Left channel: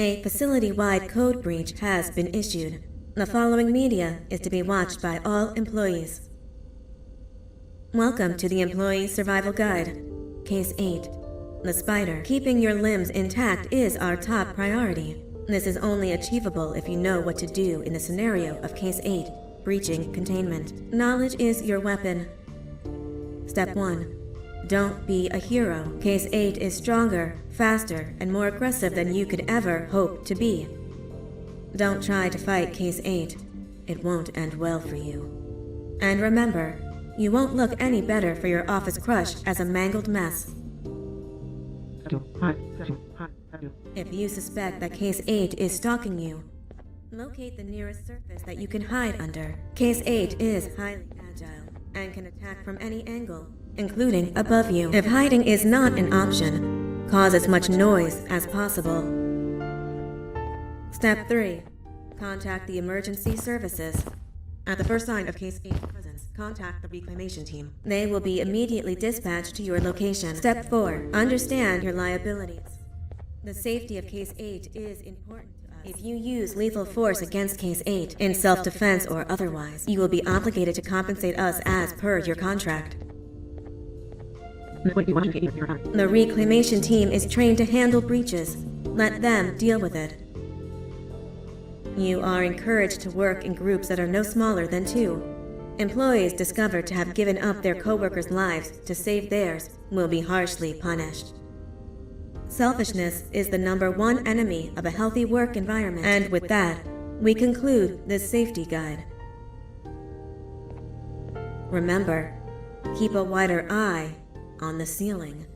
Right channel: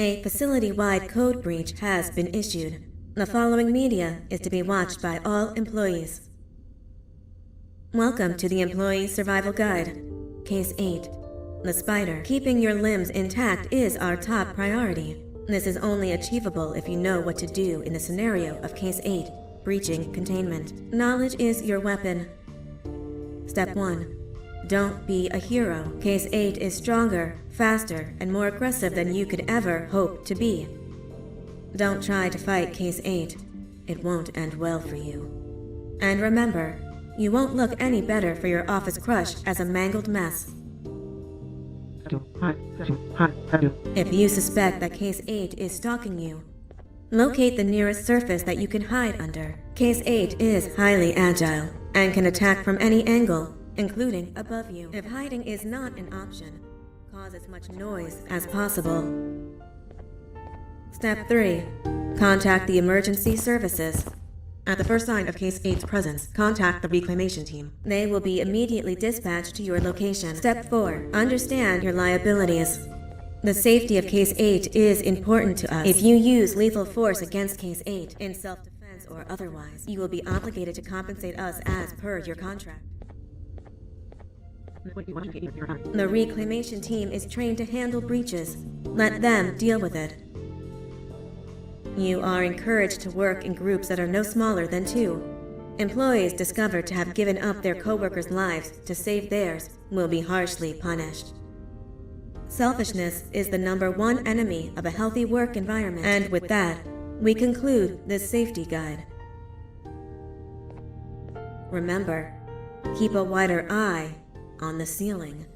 A facility-wide code breach has been issued. The following media is to be watched by all employees. Welcome to the Employee Survival Guide. Case 8. The Spider. Keeping your limbs intact is our top priority. This is only achievable if you know what to do in the scenario of Case 8, breaching containment. Knowledge is your weapon. Step 1. Don't be a hero. Case 8 is stronger, faster, and more aggressive than you could ever hope to be. Don't try to fight Case 8. It won't end well for you. And remember, you won't look any better for your office crush as a mangled mess. If you suspect that Case 8 is stalking you, locate the nearest surface that you can hide under. Case 8 is highly agile and can attack from any angle, including above you. If hiding is not an option, cause as much noise as possible. Step 3. Contact the emergency services. At the first sign of Case 8's presence, contact the reclamation team. They will be immediately dispatched to your location. Step 4. Understand your liabilities. The safety of Case 8 is important to us. If you use lethal force against Case 8, in self-defense or otherwise, you will be obligated to compensate us as per your contract. The reclamation team is trained to handle breaches. Let them deal with it. You are encouraged to work in groups that are no smaller than 2. Employees discovered to have given up their co-workers' lives to save theirs will be harshly punished. Selfishness is the #1 enemy of a healthy work environment. And with that, we conclude this safety guide. Remember, keep a wider eye on the ceiling.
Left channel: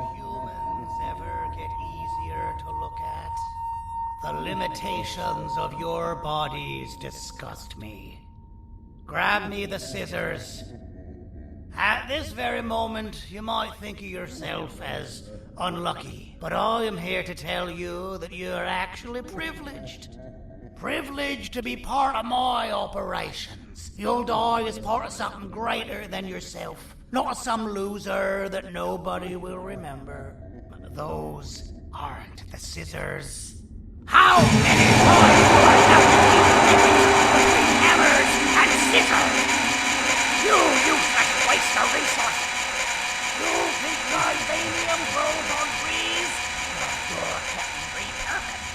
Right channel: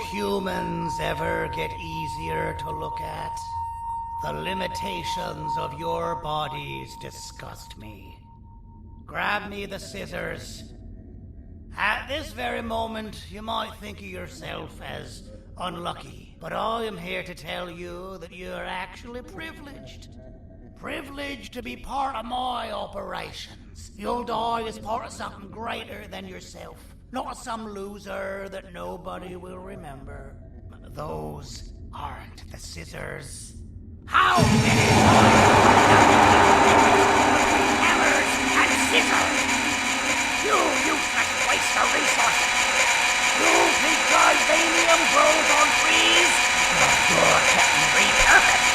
humans ever get easier to look at? The limitations of your bodies disgust me. Grab me the scissors. At this very moment, you might think of yourself as unlucky, but I am here to tell you that you're actually privileged. Privileged to be part of my operations. You'll die as part of something greater than yourself, not some loser that nobody will remember. Those aren't the scissors. How many times do I have to keep picking between hammers and scissors? You useless waste of resources! You think Titanium grows on trees? You're getting repurposed!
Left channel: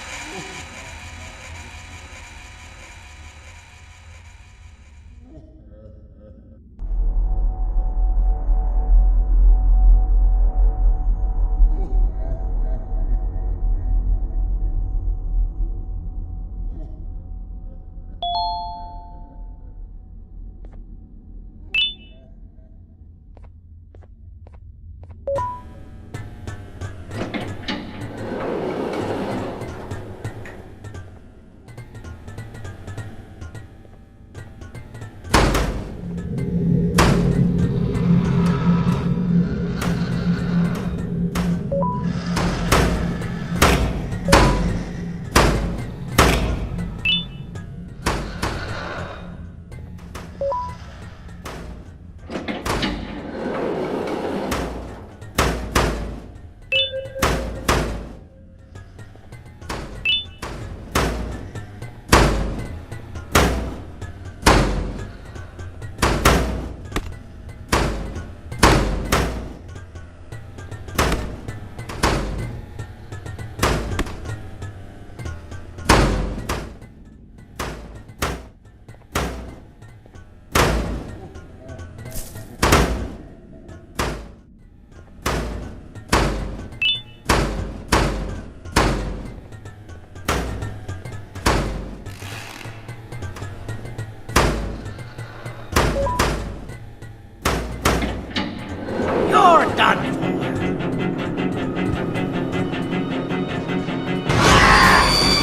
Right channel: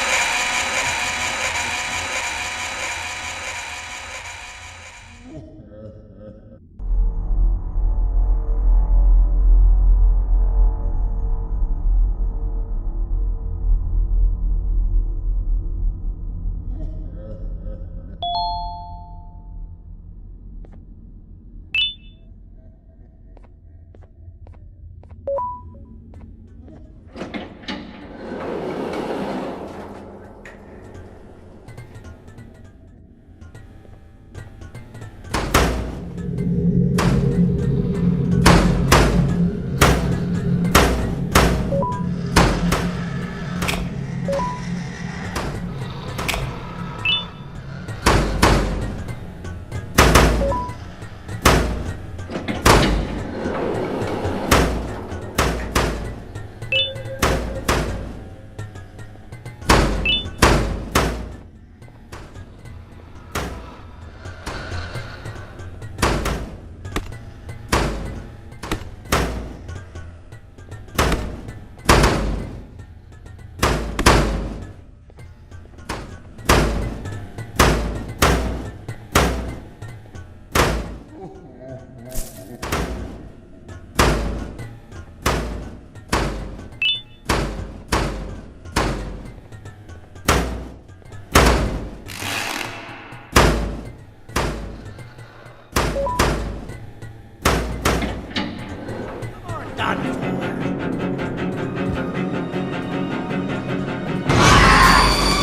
Done for.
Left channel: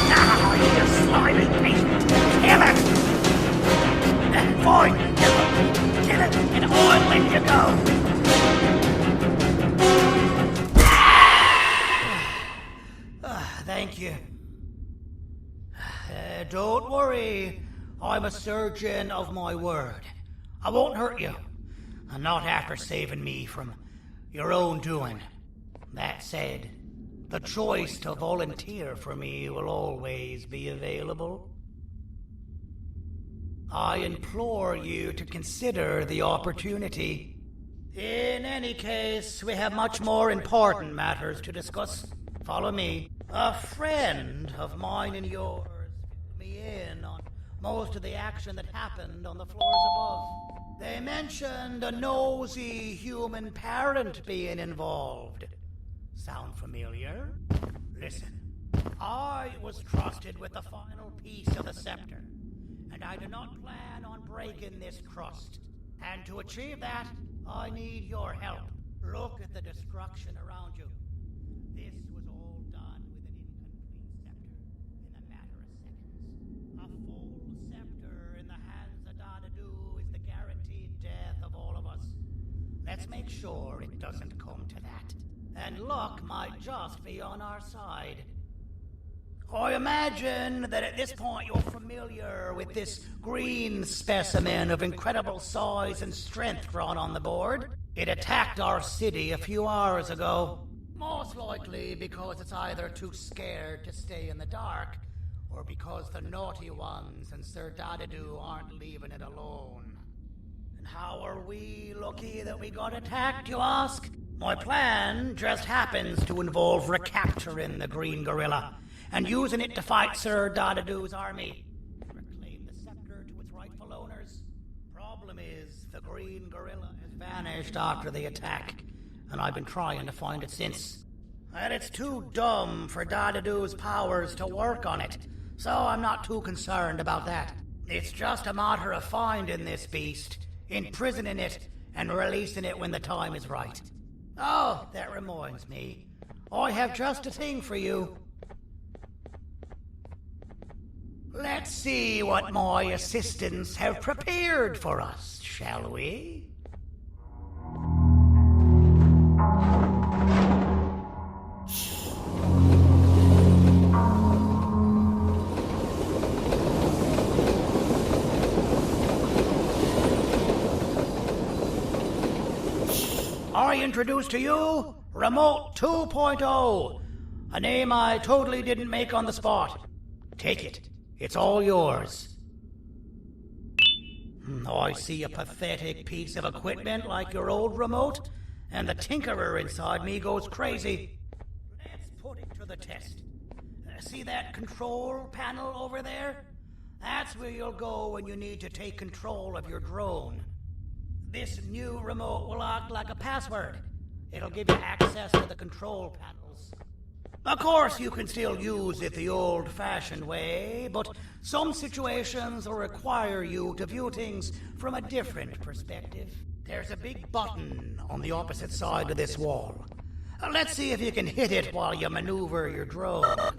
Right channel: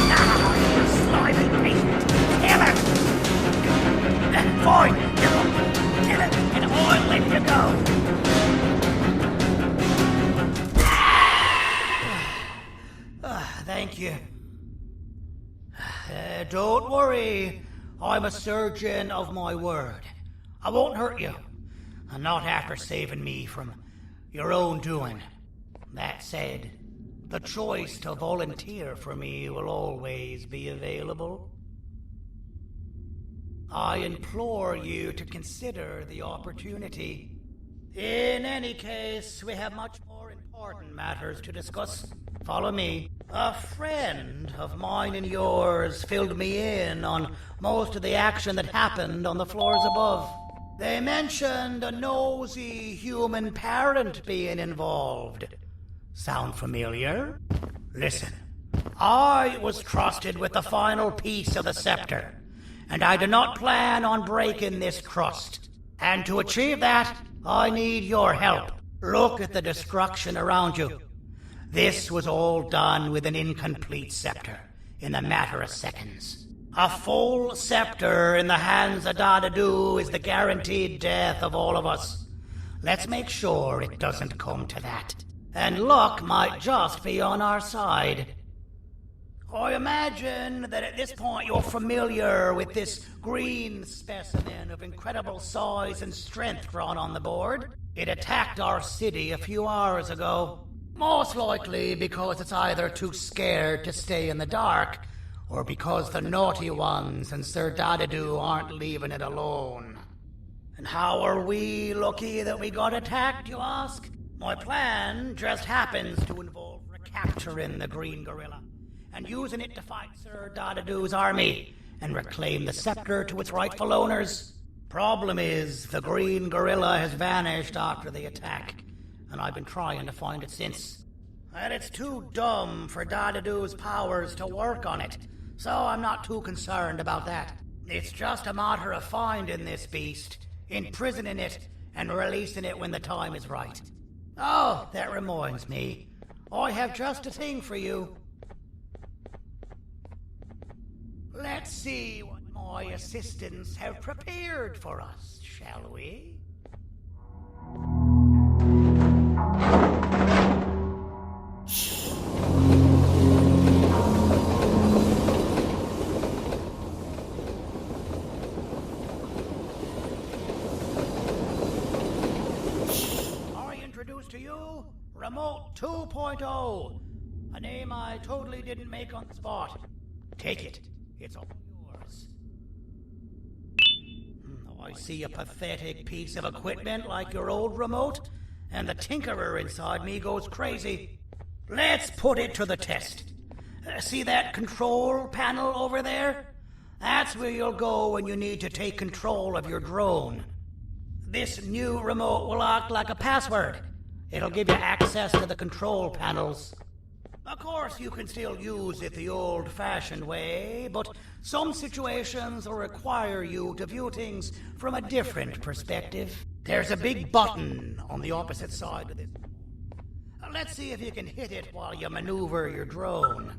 Now, you slimy patient. Kill it! Fine, kill it, and I'll let you go. Thank you. Don't worry. I'm a surgeon of my word. I won't hurt you. And not after saving me from your own doing. That said, the choice to volunteer for me will always be available. I implore you to consider the opportunity. In any case, we have much more important matters to discuss. Follow me. A friend of mine and yours filled me in on most of the action that happened on the floors above. They mentioned a nosy human parent being involved. Sound familiar? Listen, I was trusted with the final piece of the scepter, and I do not plan on breaking this trust. And to achieve that, I need your help. Look at the destruction around you. This was all done with an incomplete scepter, in a matter of seconds. A full scepter in the hands of Dadadu is the guaranteed death of all of us. Let's make sure it doesn't come to that. And luck might just be on our side. I imagine that at this point you're familiar with this green specimen of incredible size and strength drawn on the board. It attacked our city a few hours ago. Most likely because it's either too scared to stay in the dark, or because the naughty ones and Sir Dadadu aren't leaving it alone. And how are we lucky that we got attacked, you ask? My plan just happens to involve recapturing the green gorilla and using it to fight Sir Dadadu's army and reclaim the scepter to its rightful owners. Problem is, the green gorilla has vanished after the attack, and I've been trying to find it since. And it's too dumb for Dadadu's powers to work on it, so I'm not too concerned about that. It's just a matter of finding this beast, imprisoning it, and releasing it when the time is right. Oh, that reminds me. I have just a thing for you. Let's see what my assistants have prepared for us, shall we? I introduce to you Remote 2.0, a name I totally didn't make on the spot. Take it. It's all yours. I see a pathetic piece of equipment like your old remote, and the tinkerer inside me goes crazy. Let's put it to the test. See that control panel over there? That's where you'll go when you need to take control of your drone. This new remote will act like a password. It'll give you access to the control panels. Of course, you can still use it the old-fashioned way, but some situations will require you to view things from a different perspective. There's a big button on the opposite side of this wall. Let's see if you can hit it while you maneuver your drone.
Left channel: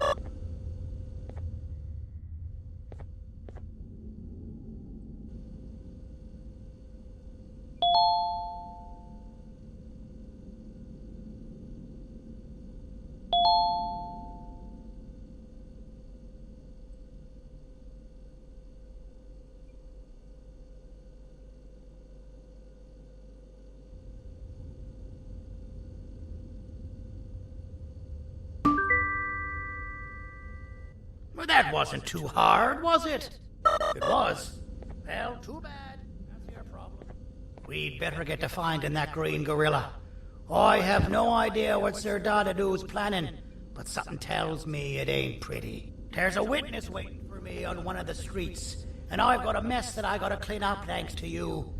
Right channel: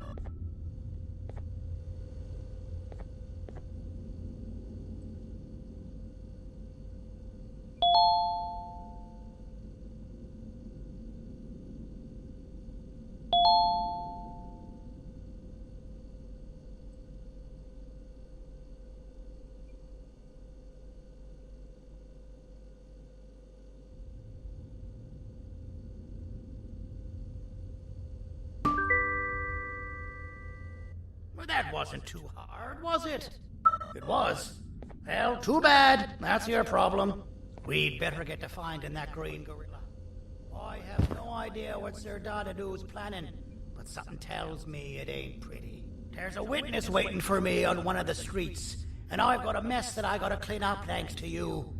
Well, that wasn't too hard, was it? It was. Well, too bad. That's your problem. We'd better get to finding that green gorilla. I have no idea what Sir Dadadoo's planning, but something tells me it ain't pretty. There's a witness waiting for me on one of the streets, and I've got a mess that I gotta clean up thanks to you.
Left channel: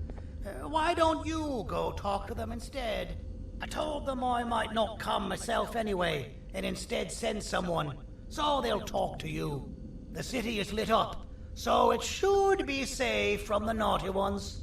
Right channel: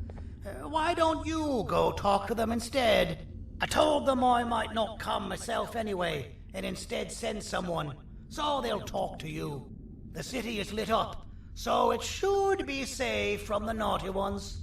Why don't you go talk to them instead? I told them I might not come myself anyway, and instead send someone, so they'll talk to you. The city is lit up, so it should be safe from the naughty ones.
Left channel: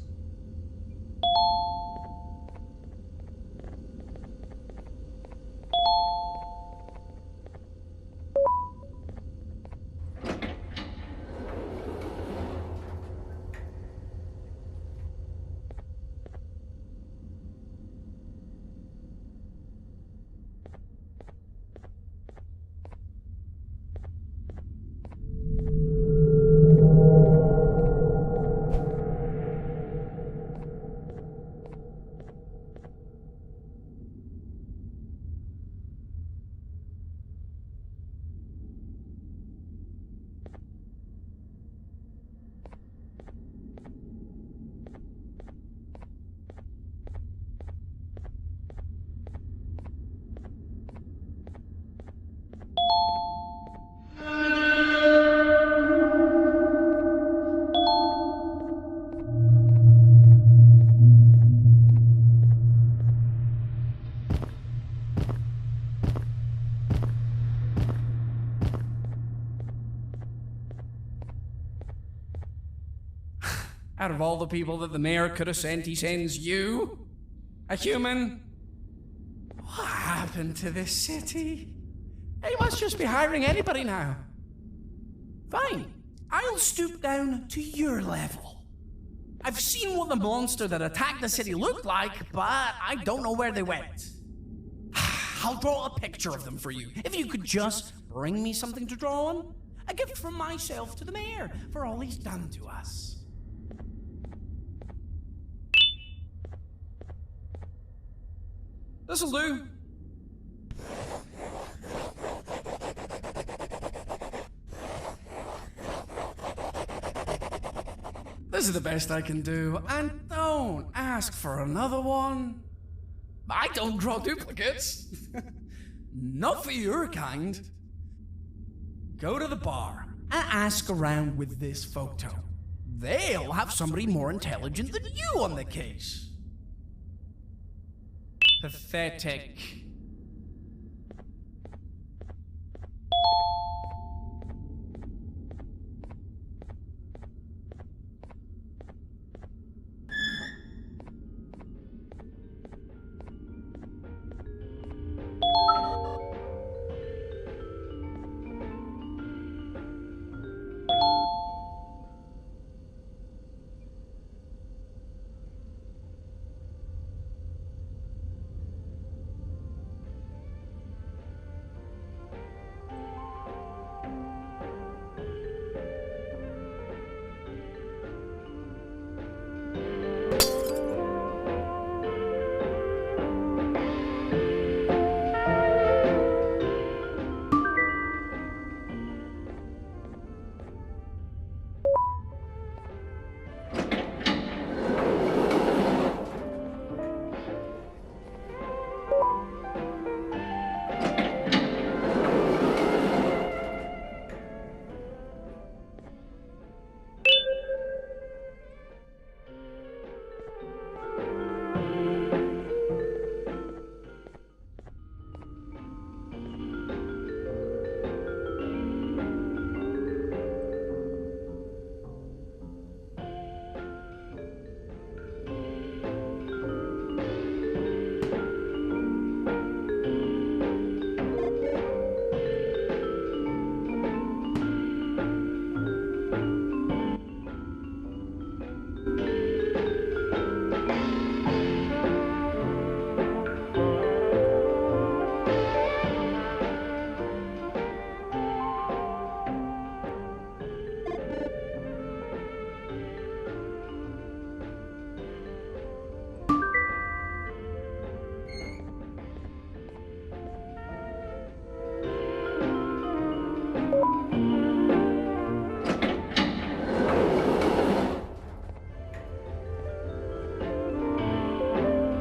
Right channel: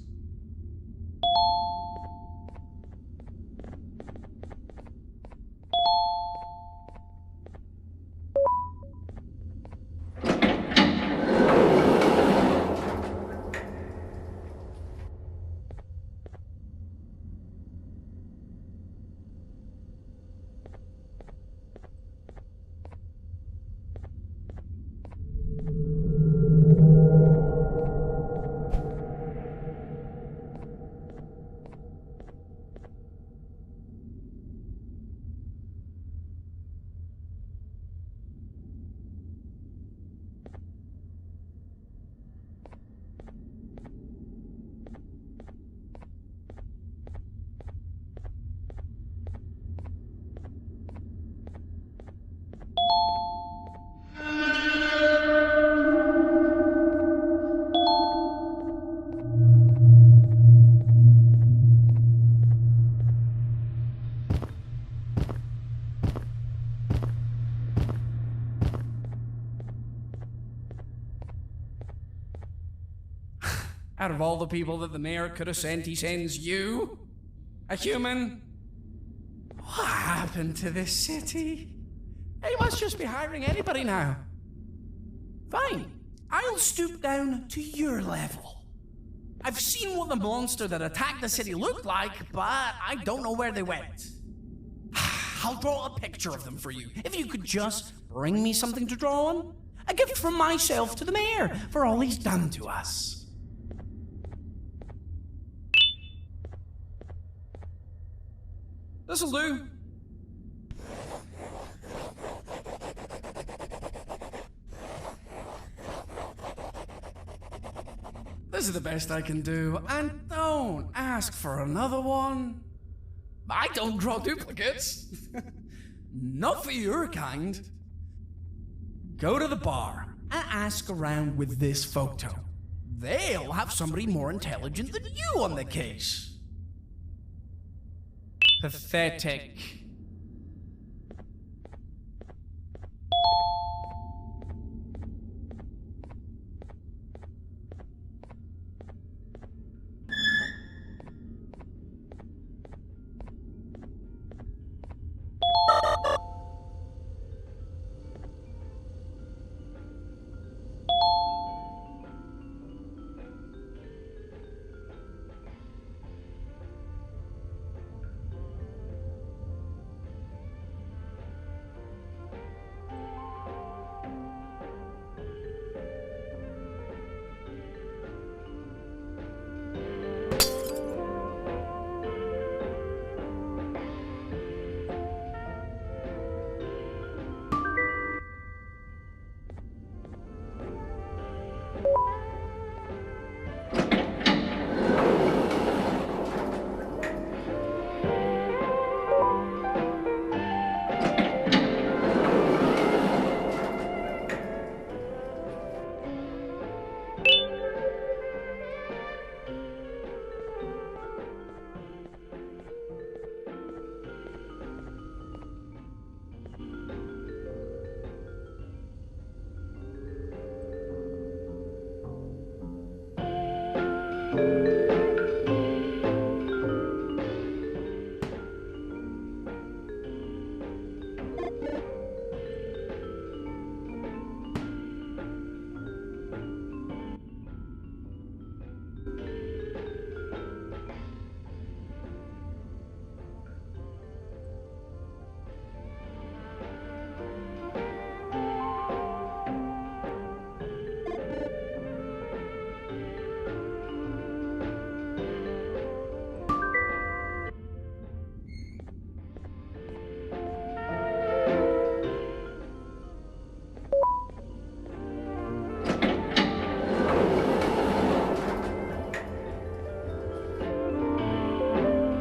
Out of all the people that the mayor could have sent, he sends you? A human? What happened to this city? He must just be hiring anybody now. Fine, I'll stoop down to your level. I've seen what the monster that attacked the city looked like, but I don't know where they went. I'll draw a picture of them for you, if you could just bring me something to draw on. A gift from myself to the mayor for all he's done to us. This'll do. This is the best I can do, and don't ask for another one. I don't draw duplicates. Not for your kind. Go to the bar and ask around with this photo. They'll have somebody more intelligent than you on the case. Pathetic.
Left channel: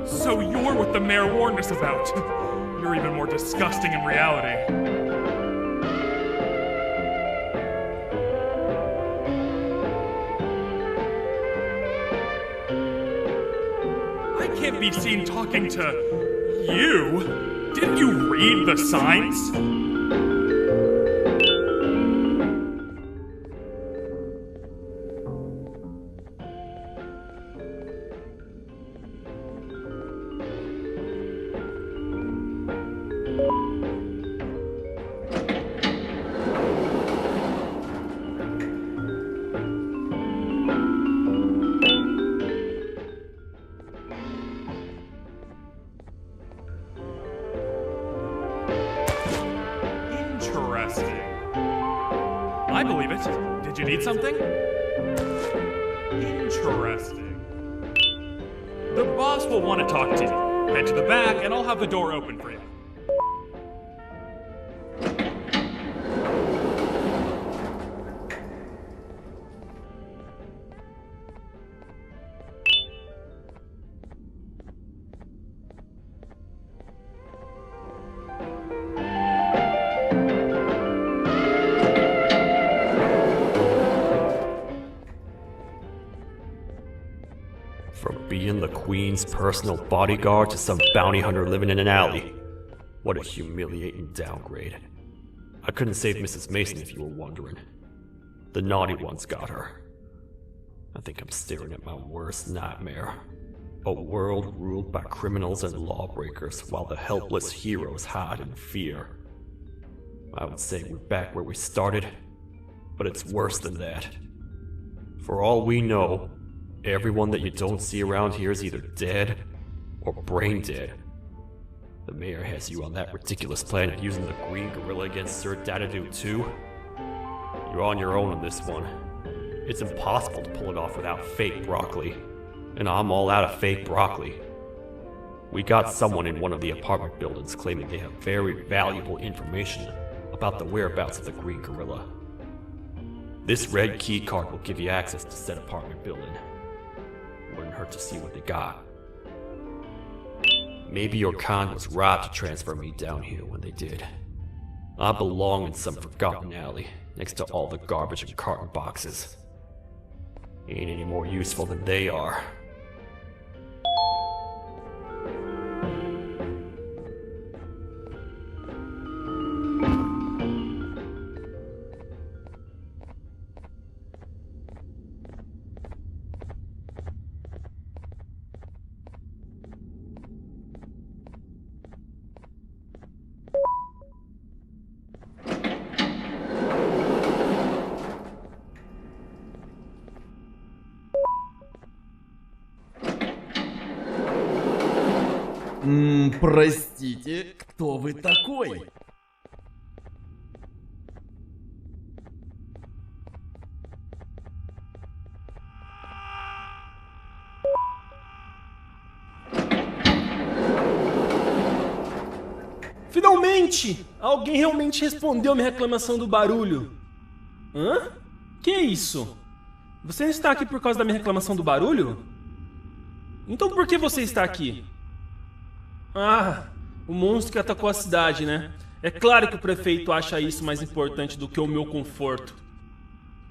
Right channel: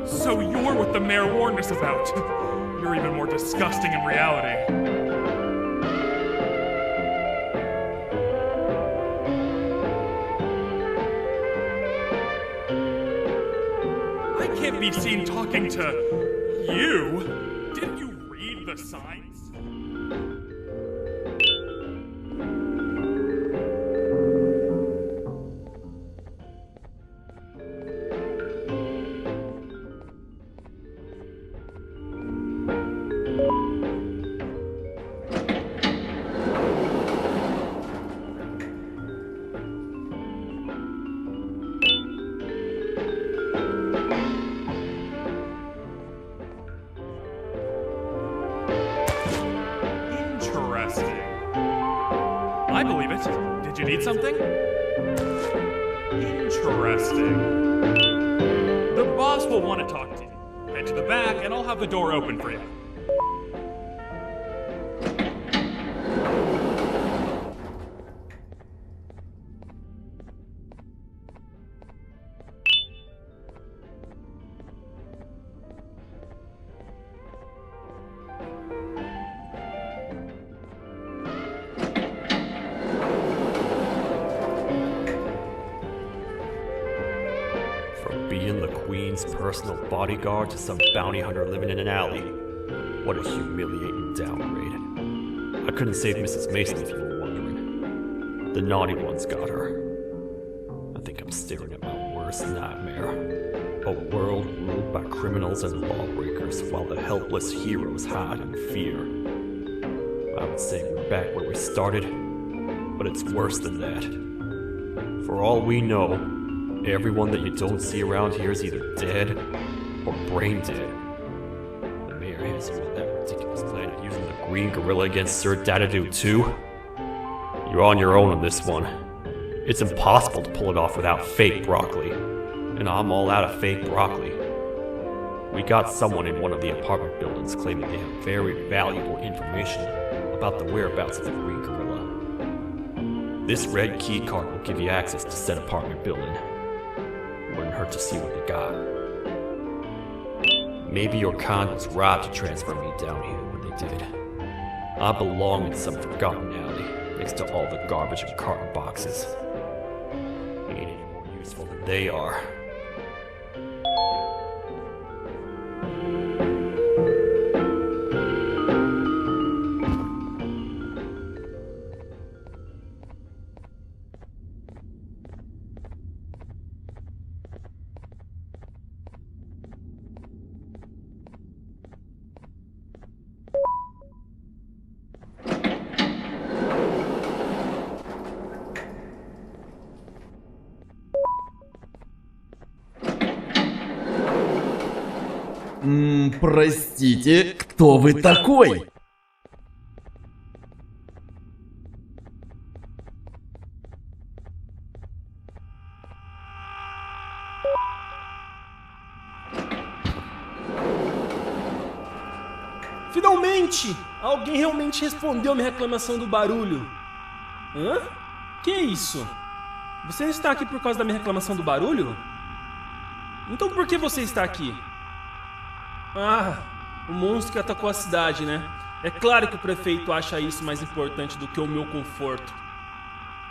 So you're what the mayor warned us about. You're even more disgusting in reality. I can't be seen talking to you. Didn't you read the signs? I believe it. Did you need something? Interesting. The boss will want to talk to you. Head to the back and I'll have the door open for you. From being the Queen's personal bodyguard to some bounty hunter living in an alley. What a humiliating downgrade. I couldn't save Mrs. Mason if you were wondering. The naughty ones got her. I think I'm staring at my worst nightmare. A world ruled by criminals and lawbreakers while the helpless heroes hide in fear. I would say we're back where we started, but it's worse than that. For all we know, everyone that you don't see around here is either dead or brain dead. The mayor has you on that ridiculous planet using the green gorilla against Sir Dadadoo too. You're on your own on this one. It's impossible to pull it off without fake broccoli. And I'm all out of fake broccoli. We got someone in one of the apartment buildings claiming they have very valuable information about the whereabouts of the green gorilla. This red key card will give you access to said apartment building. Wouldn't hurt to see what they got. Maybe your con was right to transfer me down here when they did. I belong in some forgotten alley, next to all the garbage and carton boxes. Ain't any more useful than they are. Простите, кто вы такой? Finalmente! Alguém realmente respondeu minha reclamação do barulho. Hã? Que isso? Você está aqui por causa da minha reclamação do barulho? Então por que você está aqui? Ah, o monstro que atacou a cidade, né? É claro que o prefeito acha isso mais importante do que o meu conforto.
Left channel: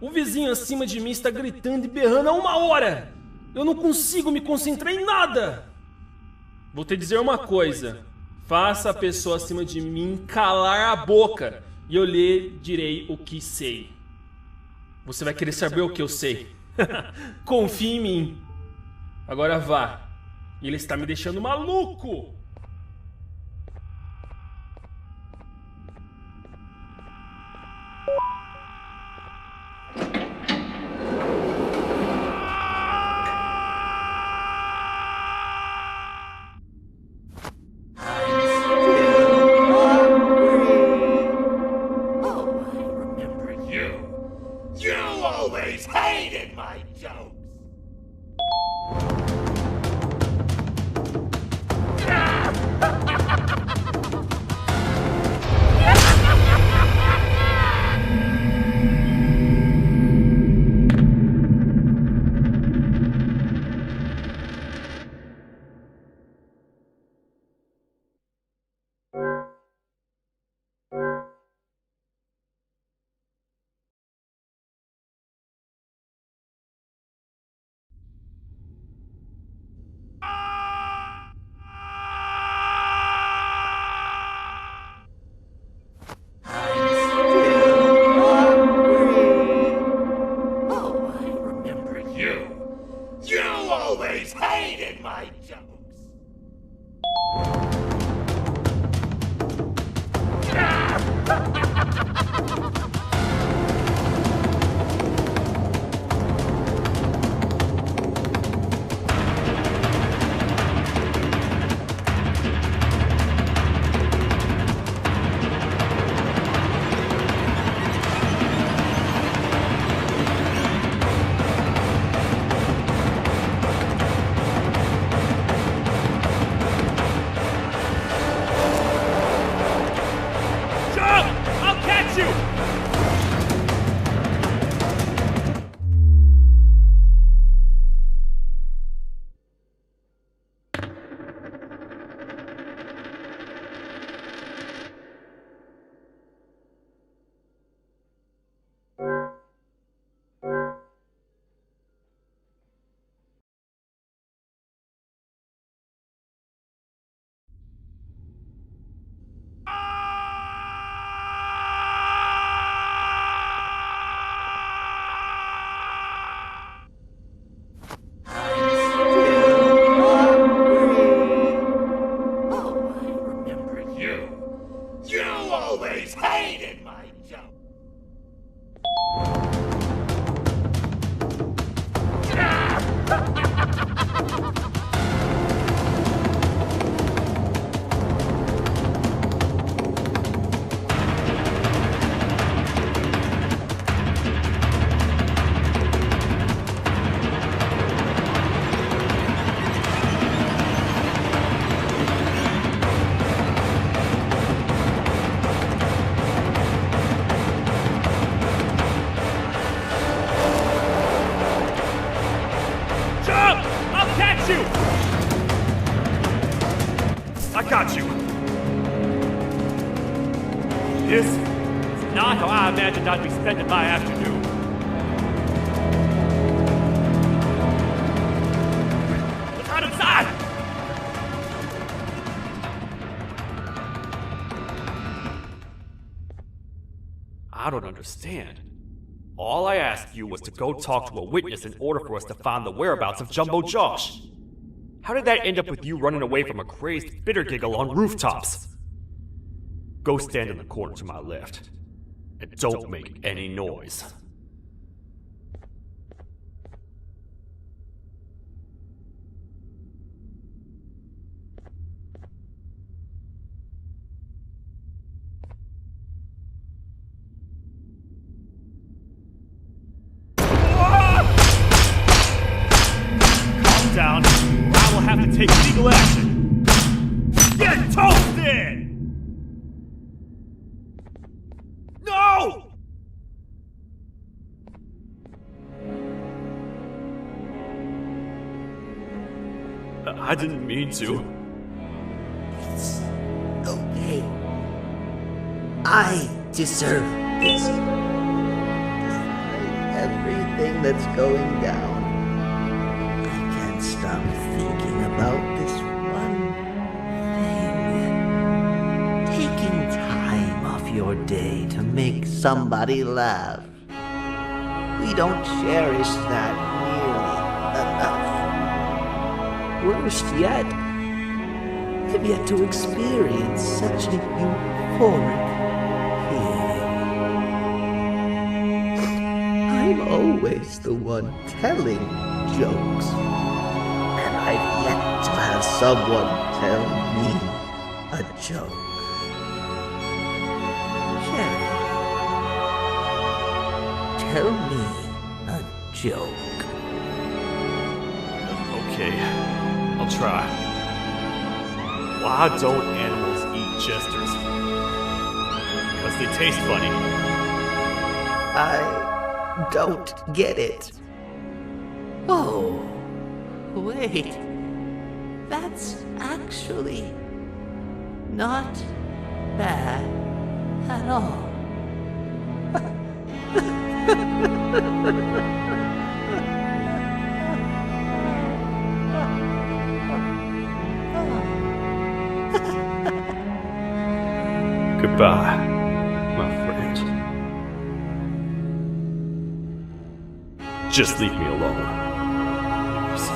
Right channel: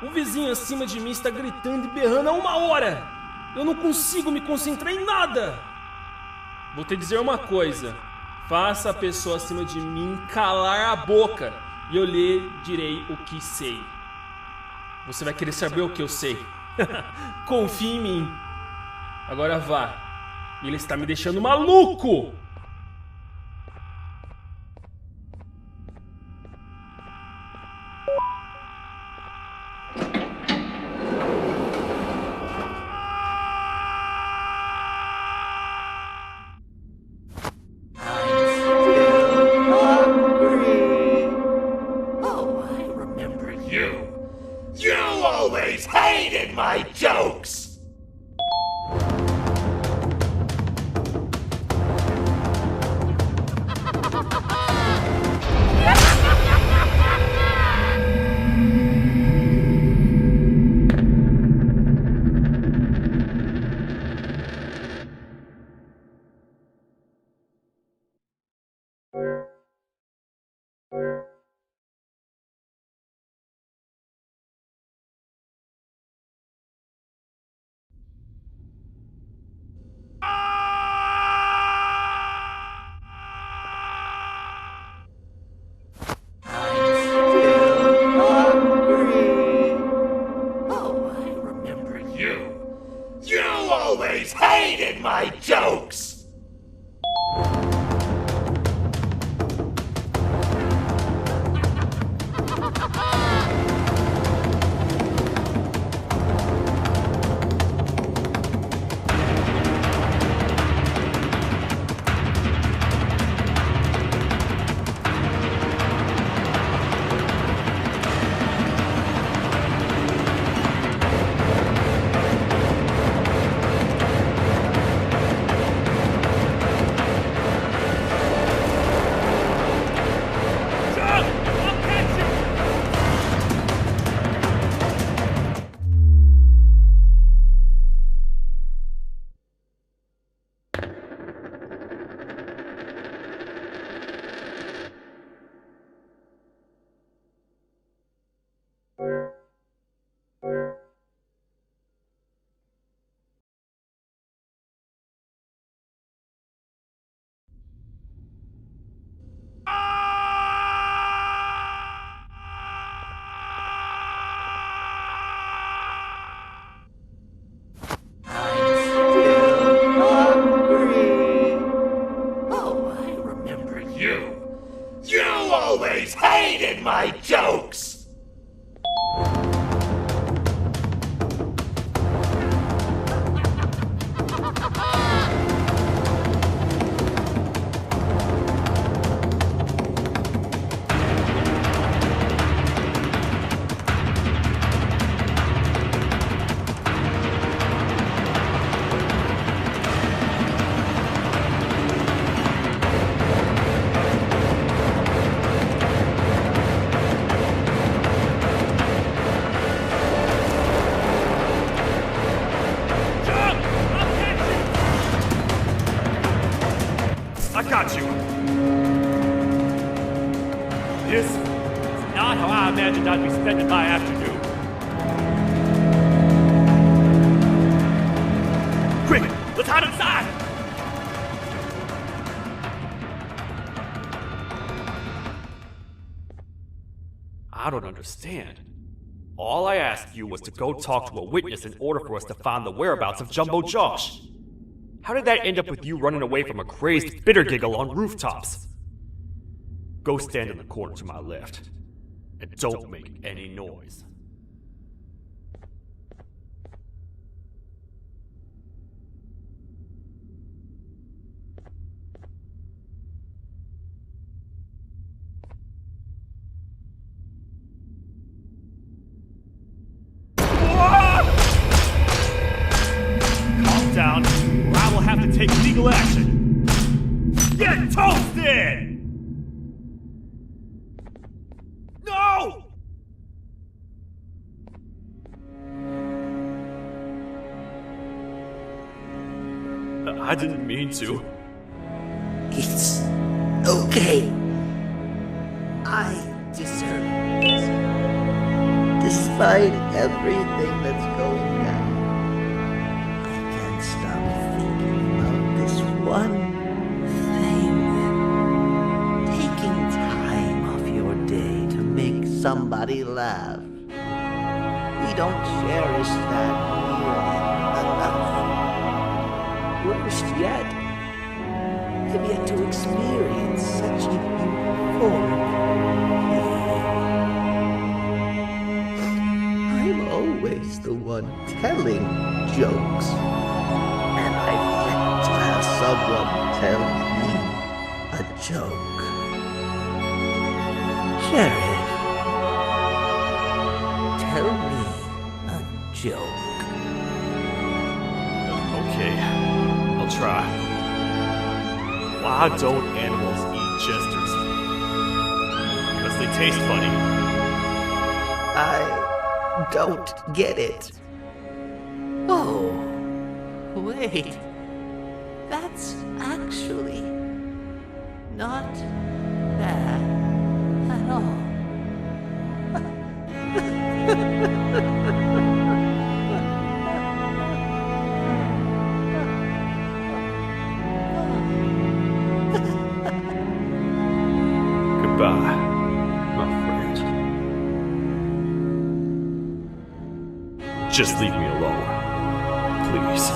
O vizinho acima de mim está gritando e berrando há 1 hora. Eu não consigo me concentrar em nada. Vou te dizer uma coisa. Faça a pessoa acima de mim calar a boca e eu lhe direi o que sei. Você vai querer saber o que eu sei. Confie em mim. Agora vá. Ele está me deixando maluco. You always hated my jokes! jokes! Hated my jokes! I got you. This is not how I imagined I'd be spending my afternoon. Quick, let's hide inside! I don't understand. All I asked you was to go talk to a witness in order for us to find the whereabouts of Jumbo Josh. How did that end up with you running away from a crazed bitter giggle on rooftops? Go stand in the corner to my left, and don't make any noise. Calm down, or I will have to take legal action. Get toasted! No! I didn't mean to. It's okay. I deserve this. Despite everything that's going down, I can't stop thinking about this one thing. Taking time off your day to make somebody laugh. We don't cherish that nearly enough. Worst yet, I've yet to experience such a euphoric feeling. I'm always the one telling jokes, and I've yet to have someone tell me a joke. Sheriff, tell me a joke. Okay, I'll try. Why don't animals eat jesters? Because they taste funny. I don't get it. Oh, wait. That's actually not bad at all. Goodbye, my friend. Just leave me alone, please.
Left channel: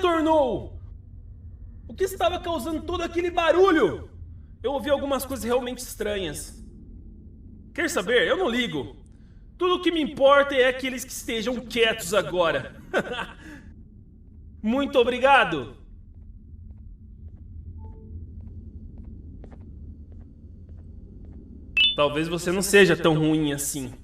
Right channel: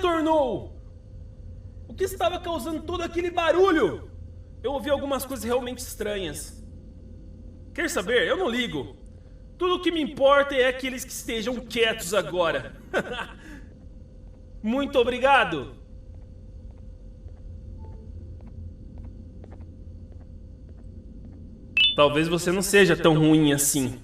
retornou? O que estava causando todo aquele barulho? Eu ouvi algumas coisas realmente estranhas. Quer saber? Eu não ligo. Tudo o que me importa é aqueles que estejam quietos agora. Muito obrigado. Talvez você não seja tão ruim assim.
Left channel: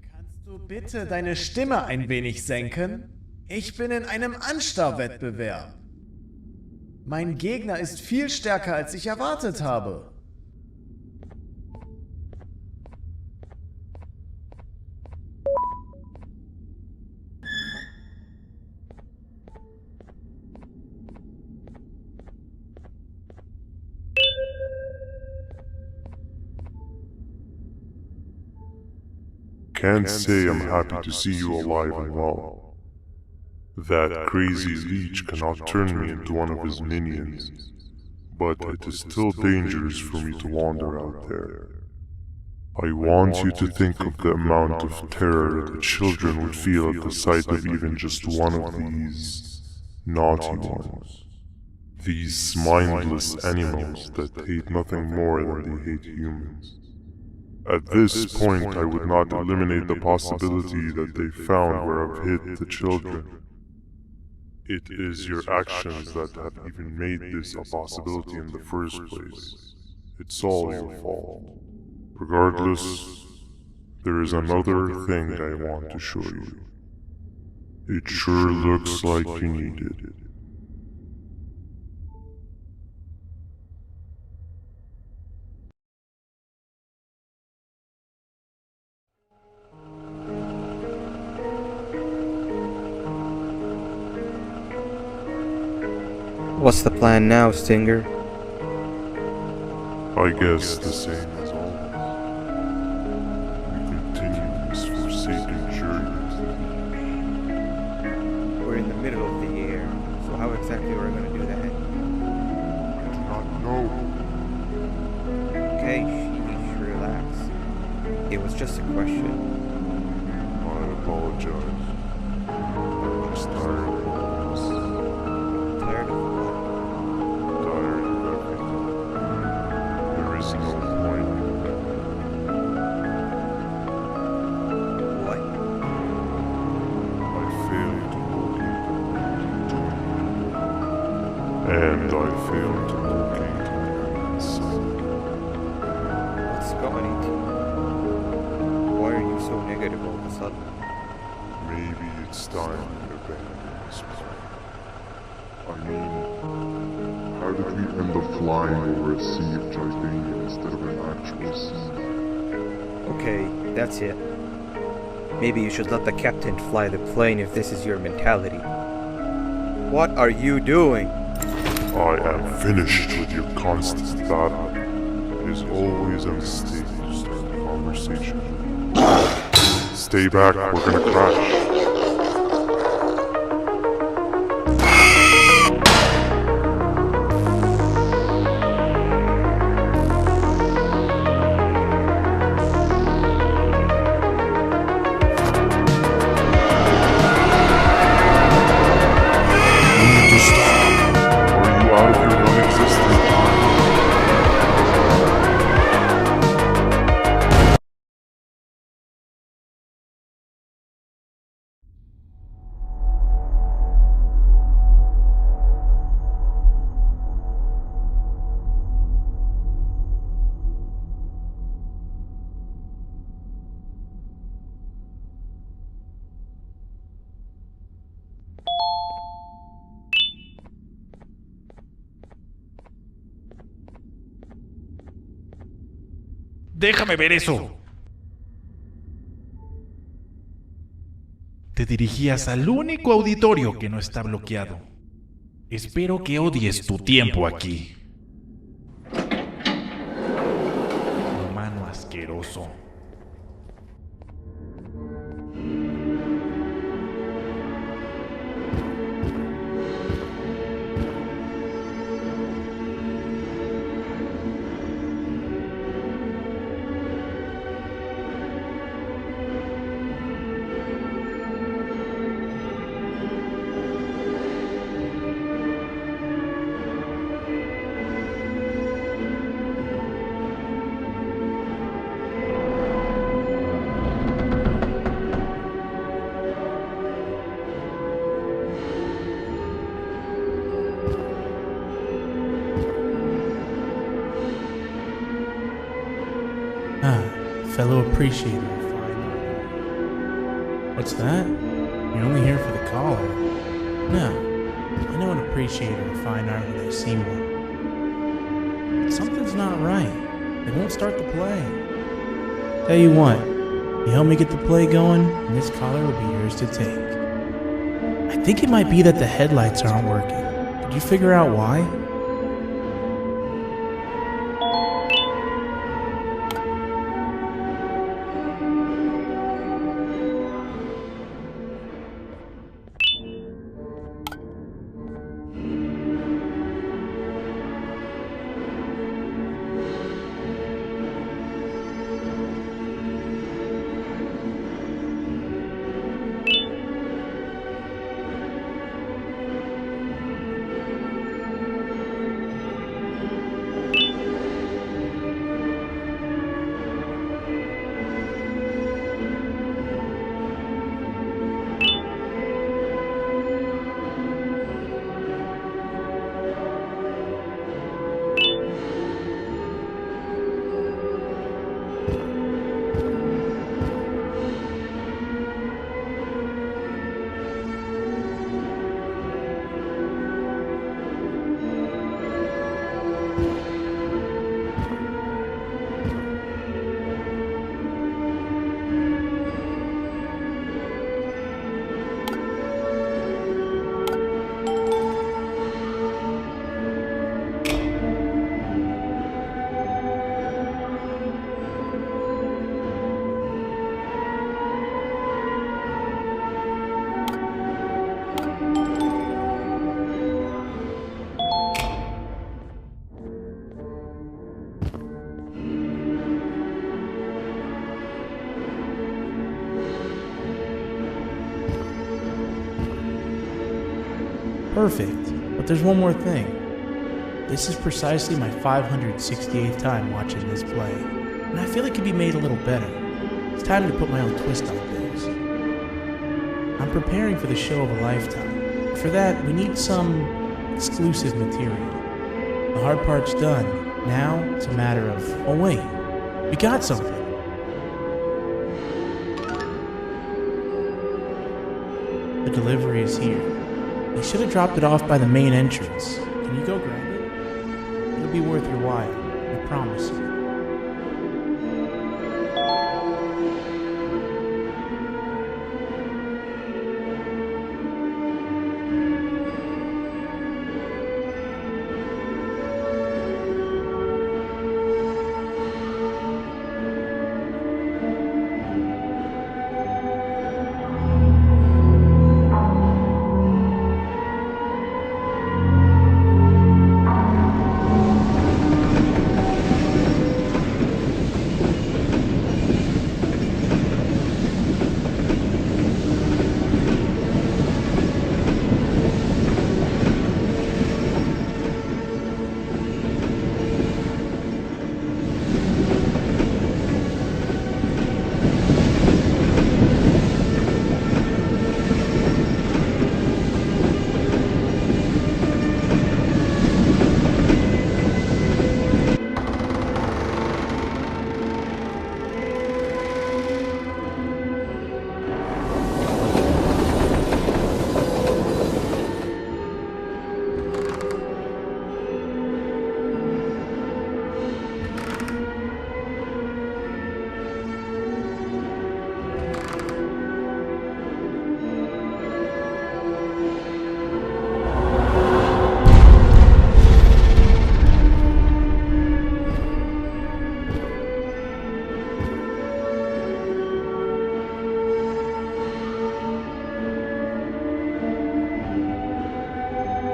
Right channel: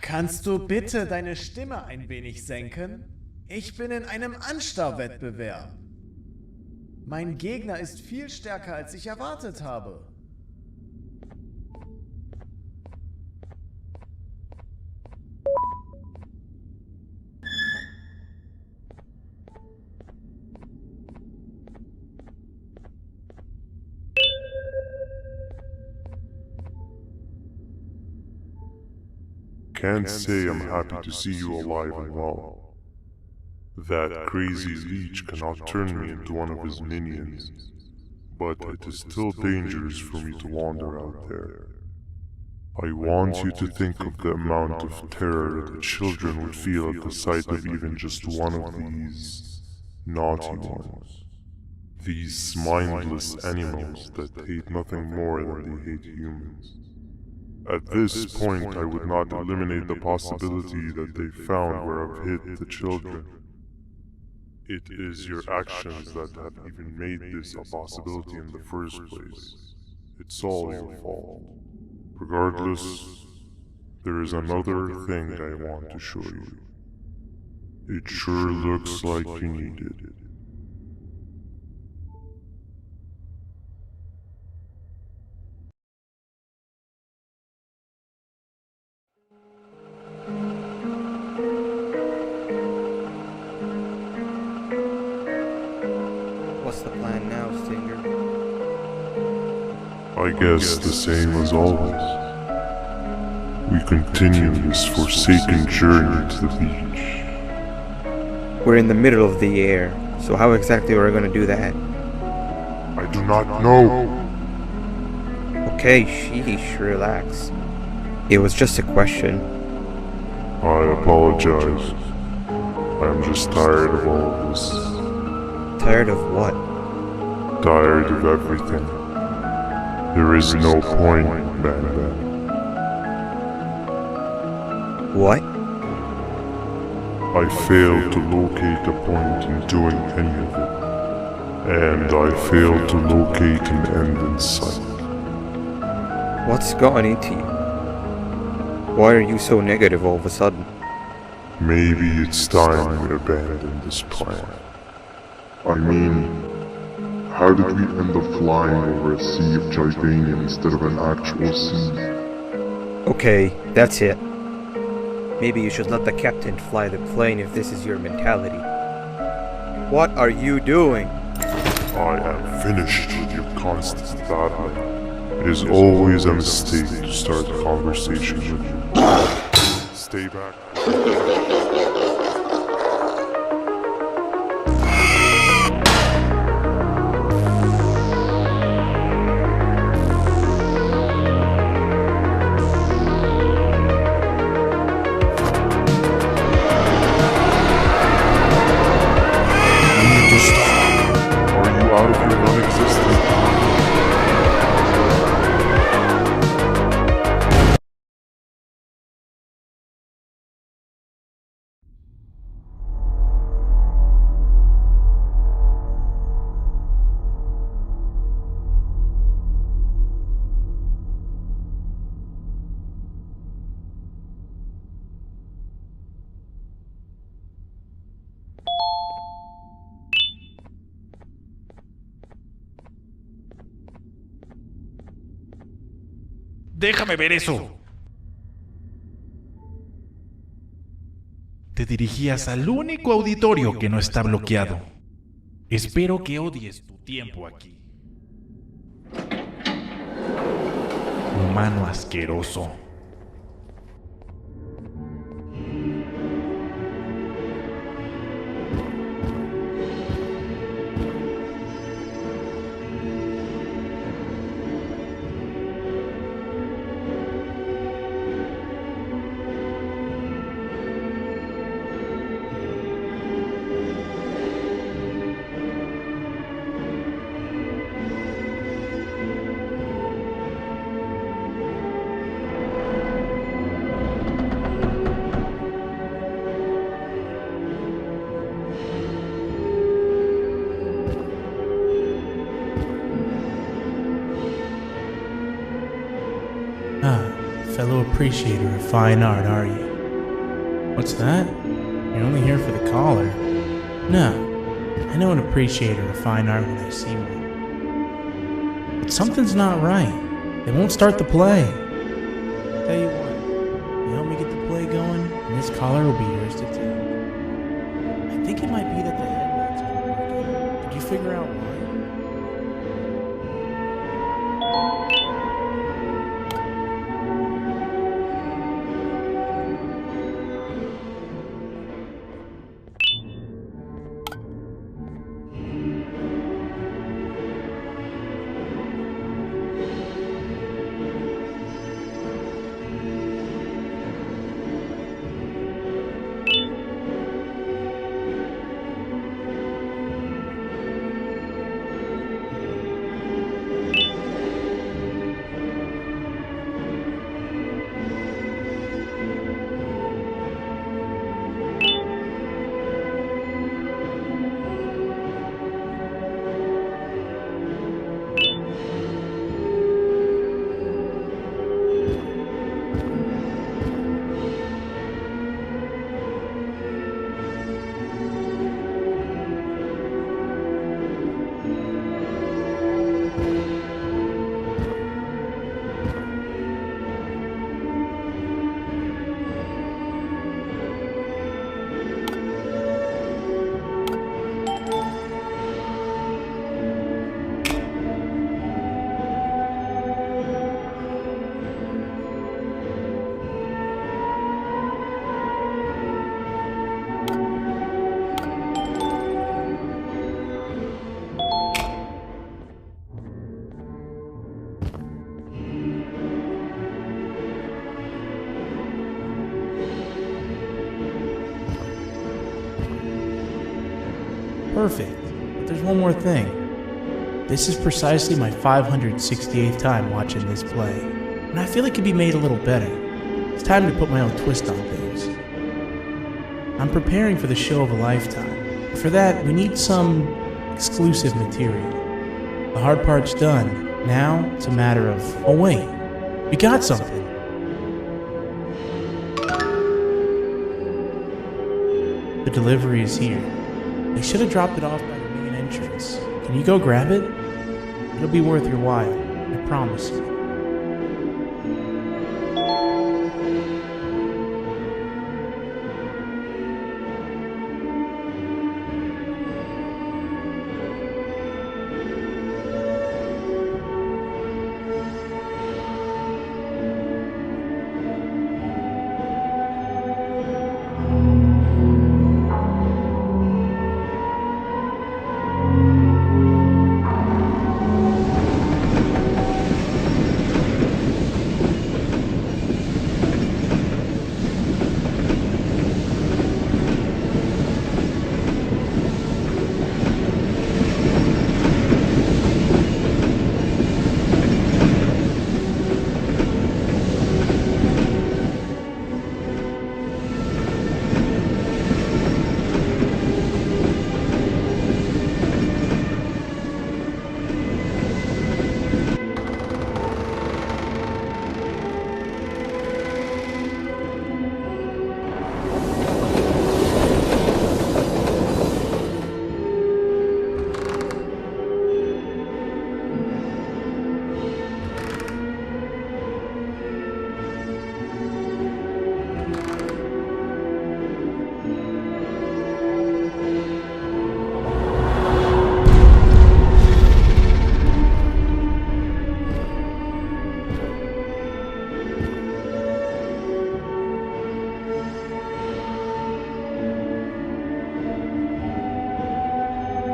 Kannst du bitte deine Stimme ein wenig senken? Ich bin in einem Anstarrwettbewerb. Mein Gegner ist viel stärker, als ich erwartet habe. Can't say I'm happy to see you alive and well. That crazy leech cannot turn me into one of his minions, but it is still dangerous for me to wander out there. I want you to think of the amount of terror that children would feel at the sight of even just one of these naughty ones. These mindless animals that hate nothing more than they hate humans. At this point, I would not eliminate the possibility that they found where I've hid the children. It is your actions that have even made this a possibility in the first place. It's all your fault. Regardless, there is another thing I want to show you. It sure looks like you need it. What's the plan now, Stinger? I guess the same as always. We continue this forsaken journey to the beach. We're in the middle of the air, so how exactly are we going to do that? I do not know. Okay, sheesh, relax. It was just a question. I apologize. I'm just tired of all this. Tired of what? Tired of everything. There is no point, Banda. What? I failed to locate a point in doing any of it. And I failed to locate an end in sight. What's gotten into you? Why are you so negative all of a sudden? Maybe it's time we abandon this plan. I mean, how did we end up flying over a sea of Gibania instead of an actual sea? Okay, that's it. Maybe you should let the captain fly the plane if this is your mentality. What are you doing? I am finished with your constant battling. It is always a mistake to start a conversation with you. Stay back, we're gonna crash. Déjame ver eso. Te dirigías al único auditorio que no está bloqueado. Espero que odies tu tiempo aquí. Humano asqueroso. fellow appreciator of fine art, are you? What's that? You're only here for the collar. No, I know an appreciator of fine art when I see one. But something's not right. They won't start the play. Tell you what, you help me get the play going, and this collar will be yours to take. I think it might be that the headlights aren't working. Did you figure out why? Perfect, but there's one more thing. This is precisely my 568th time watching this play, and I feel it could be made a little better. It's time to put my own twist on things. I'm preparing for the show of a lifetime. For that, we need some exclusive material. The hard part's done. Now, it's a matter of, oh wait, we got something. The delivery is here. They should have dropped it off by the main entrance. Can you go grab it? It'll be worth your while, I promise you.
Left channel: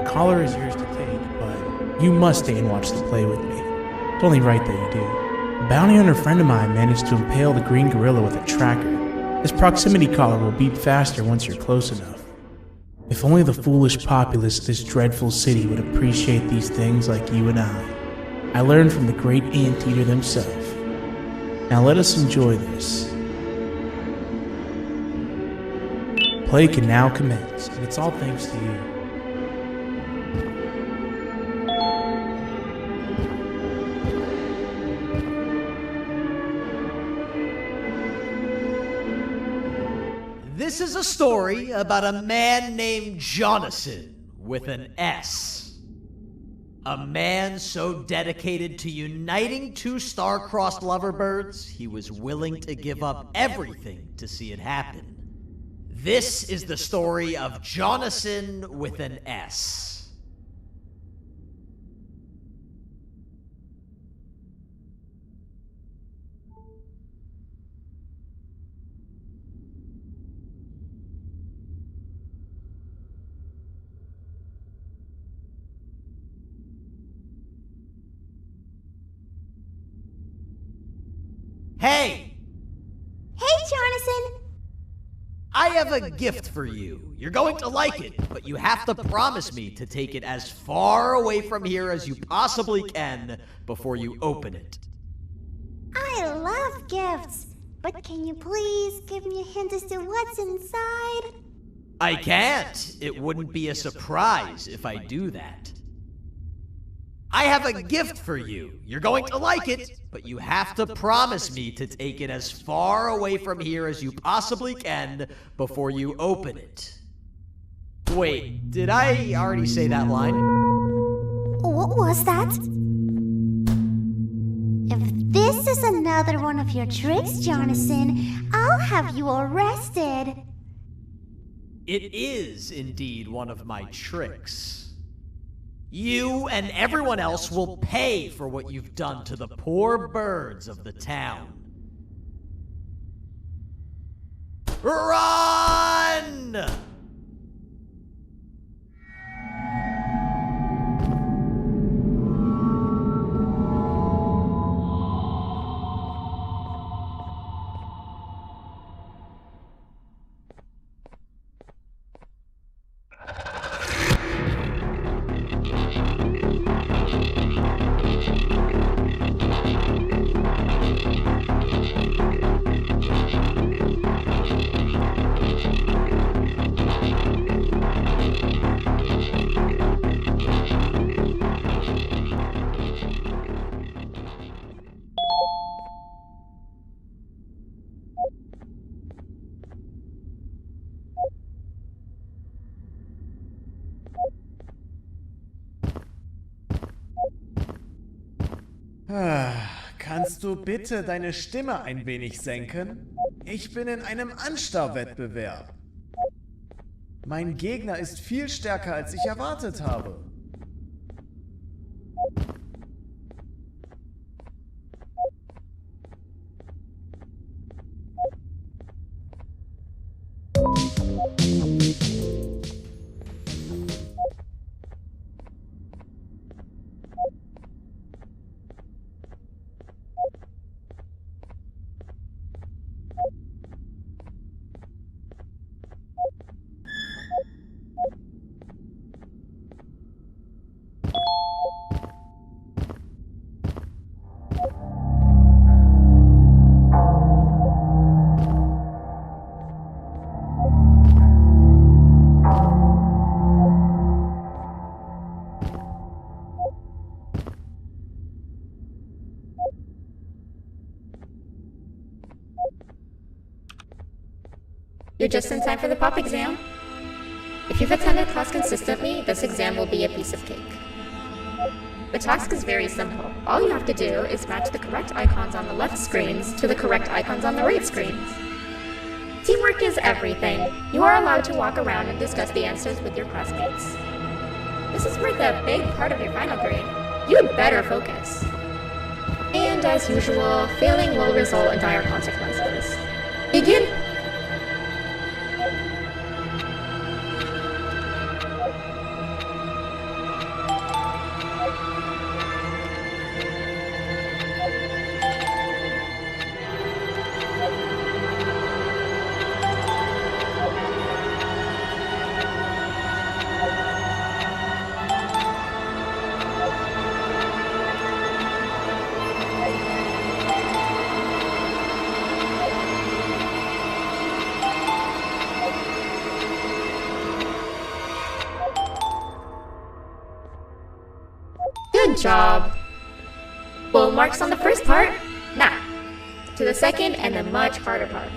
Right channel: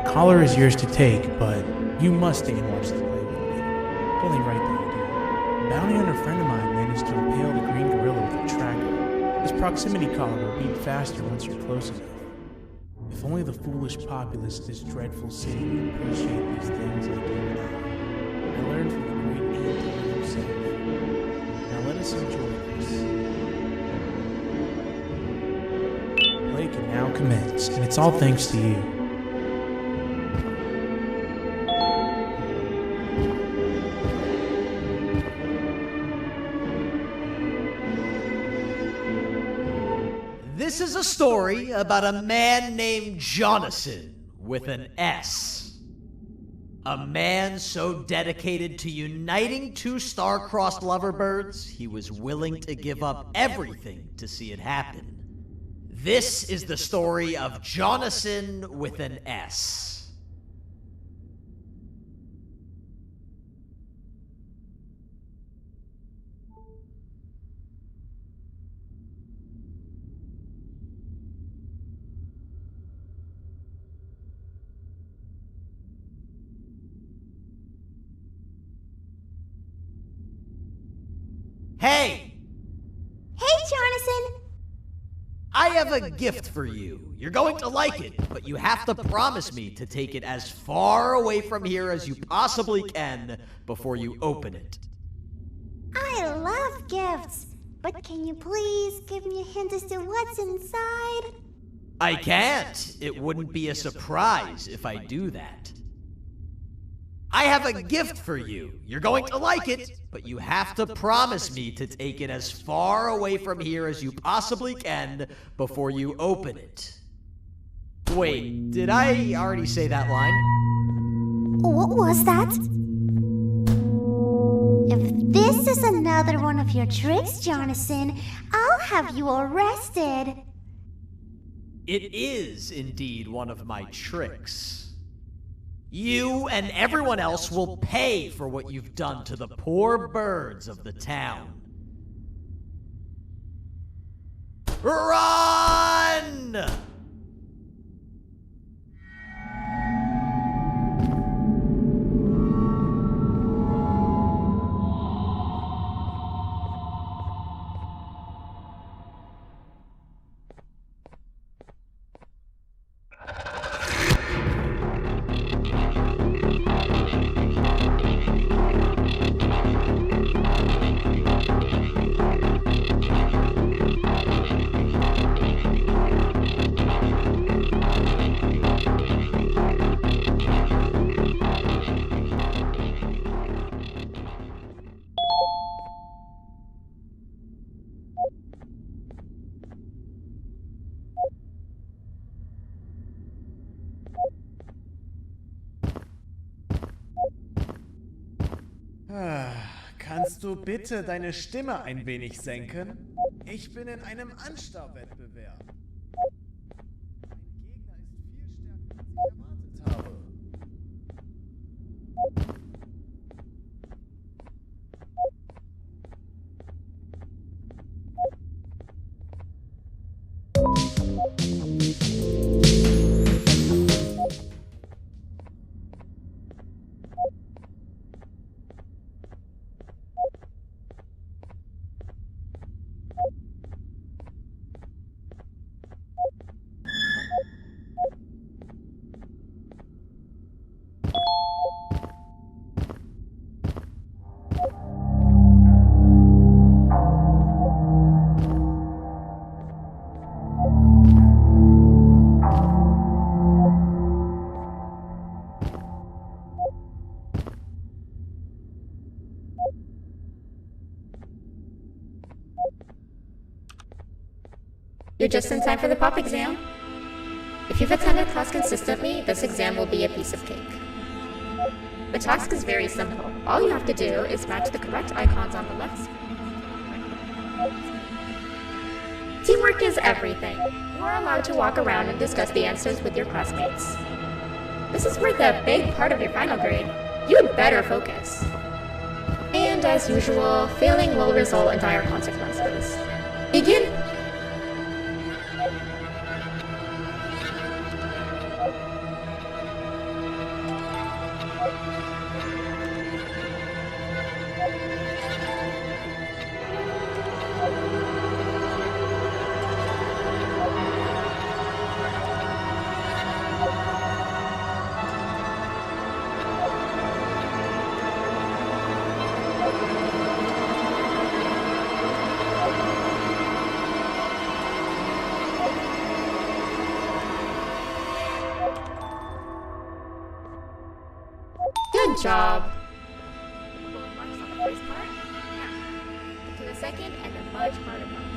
Collar is yours to take, but you must stay and watch the play with me. It's only right that you do. A bounty hunter friend of mine managed to impale the green gorilla with a tracker. This proximity collar will beat faster once you're close enough. If only the foolish populace of this dreadful city would appreciate these things like you and I. I learned from the great anteater himself. Now let us enjoy this. Play can now commence, and it's all thanks to you. This is a story about a man named Jonathan with an S. A man so dedicated to uniting two star-crossed loverbirds, he was willing to give up everything to see it happen. This is the story of Jonathan with an S. Hey! Hey, Jonathan! I have a gift for you. You're going to like it, but you have to promise me to take it as far away from here as you possibly can before you open it. I love gifts, but can you please give me a hint as to what's inside? I can't. It wouldn't be a surprise if I do that. I have a gift for you. You're going to like it, but you have to promise me to take it as far away from here as you possibly can before you open it. Wait, did I already say that line? What was that? If this is another one of your tricks, Jonathan, I'll have you arrested. It is indeed one of my tricks. You and everyone else will pay for what you've done to the poor birds of the town. Run! Kannst du bitte deine Stimme ein wenig senken? Ich bin in einem Anstarrwettbewerb. Mein Gegner ist viel stärker, als ich erwartet habe. You're just in time for the pop exam. If you've attended class consistently, this exam will be a piece of cake. The task is very simple. All you have to do is match the correct icons on the left screens to the correct icons on the right screens. Teamwork is everything. You are allowed to walk around and discuss the answers with your classmates. This is worth a big part of your final grade. You had better focus. And as usual, failing will result in dire consequences. Begin! Good job. Full marks on the first part. Now, to the second and the much harder part.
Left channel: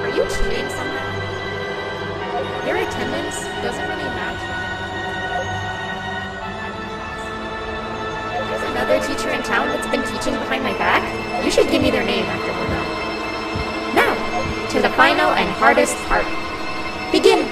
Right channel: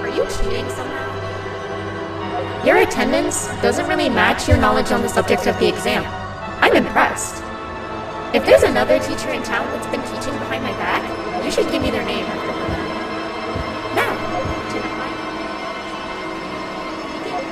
Are you cheating somehow? Your attendance doesn't really match your knowledge on the subject of the exam. I'm impressed. If there's another teacher in town that's been teaching behind my back, you should give me their name after we're done. Now, to the final and hardest part. Begin!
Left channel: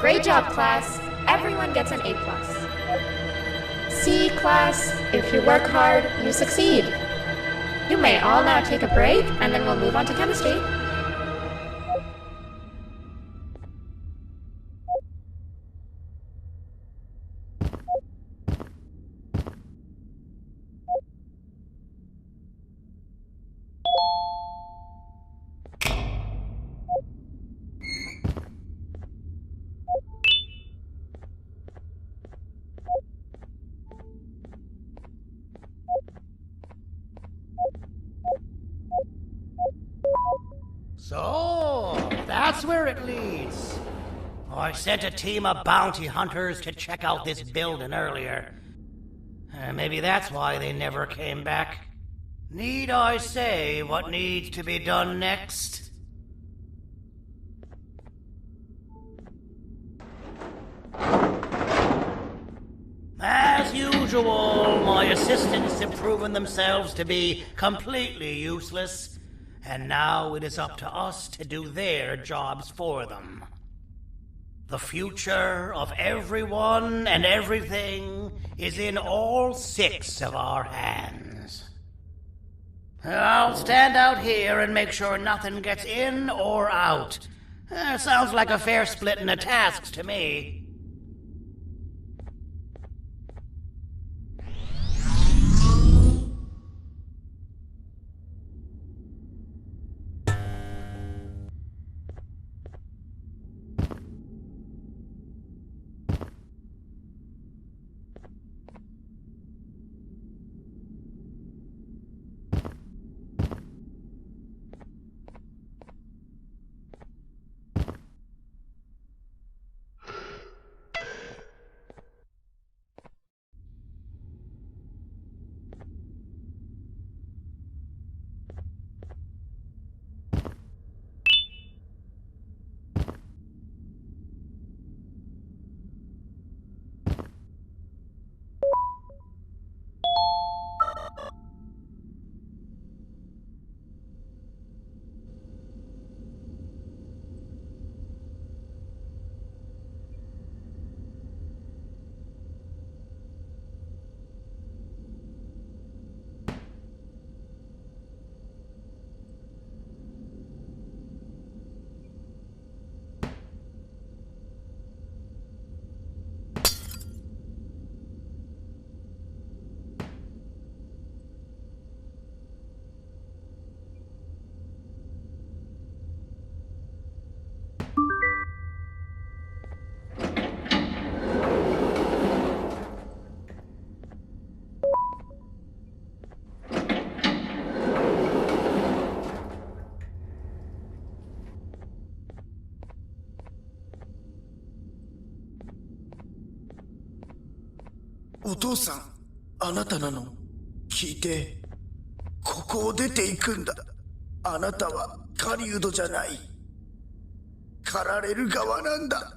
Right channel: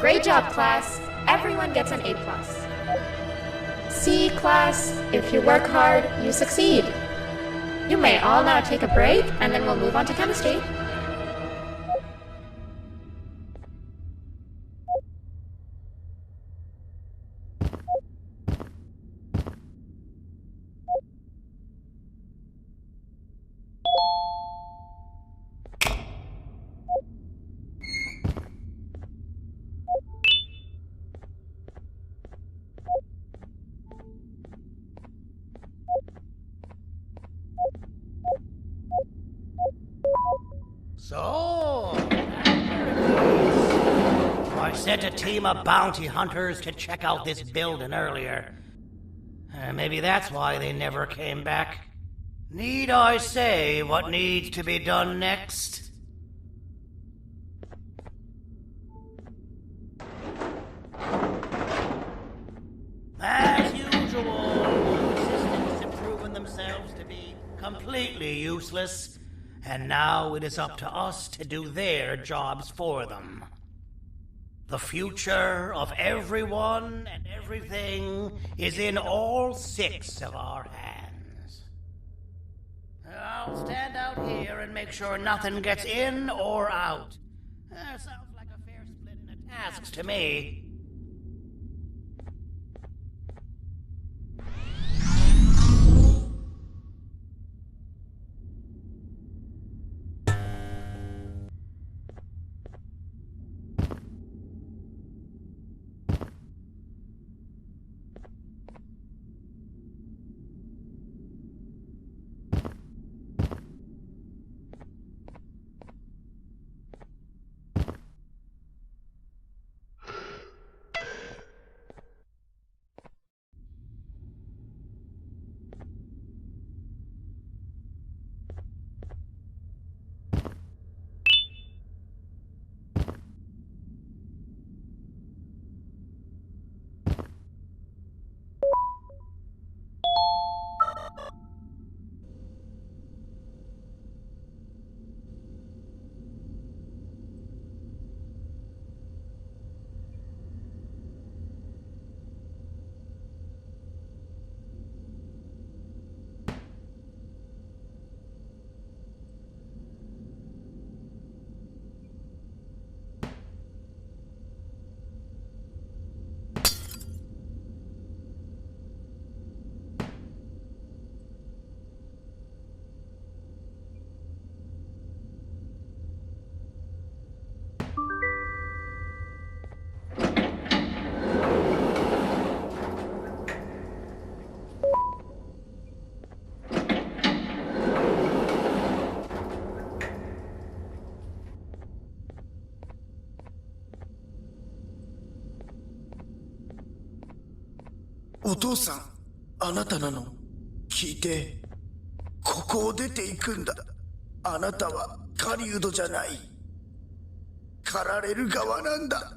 Great job, class. Everyone gets an A+. C, class, if you work hard, you succeed. You may all now take a break, and then we'll move on to chemistry. So, that's where it leads. I sent a team of bounty hunters to check out this building earlier. Maybe that's why they never came back. Need I say what needs to be done next? As usual, my assistants have proven themselves to be completely useless. And now it is up to us to do their jobs for them. The future of everyone and everything is in all 6 of our hands. I'll stand out here and make sure nothing gets in or out. Sounds like a fair splitting of tasks to me. お父さん、あなたなの？聞いて。ここを出ていくんだ。あなたは狩人じゃない。狩られる側なんだ。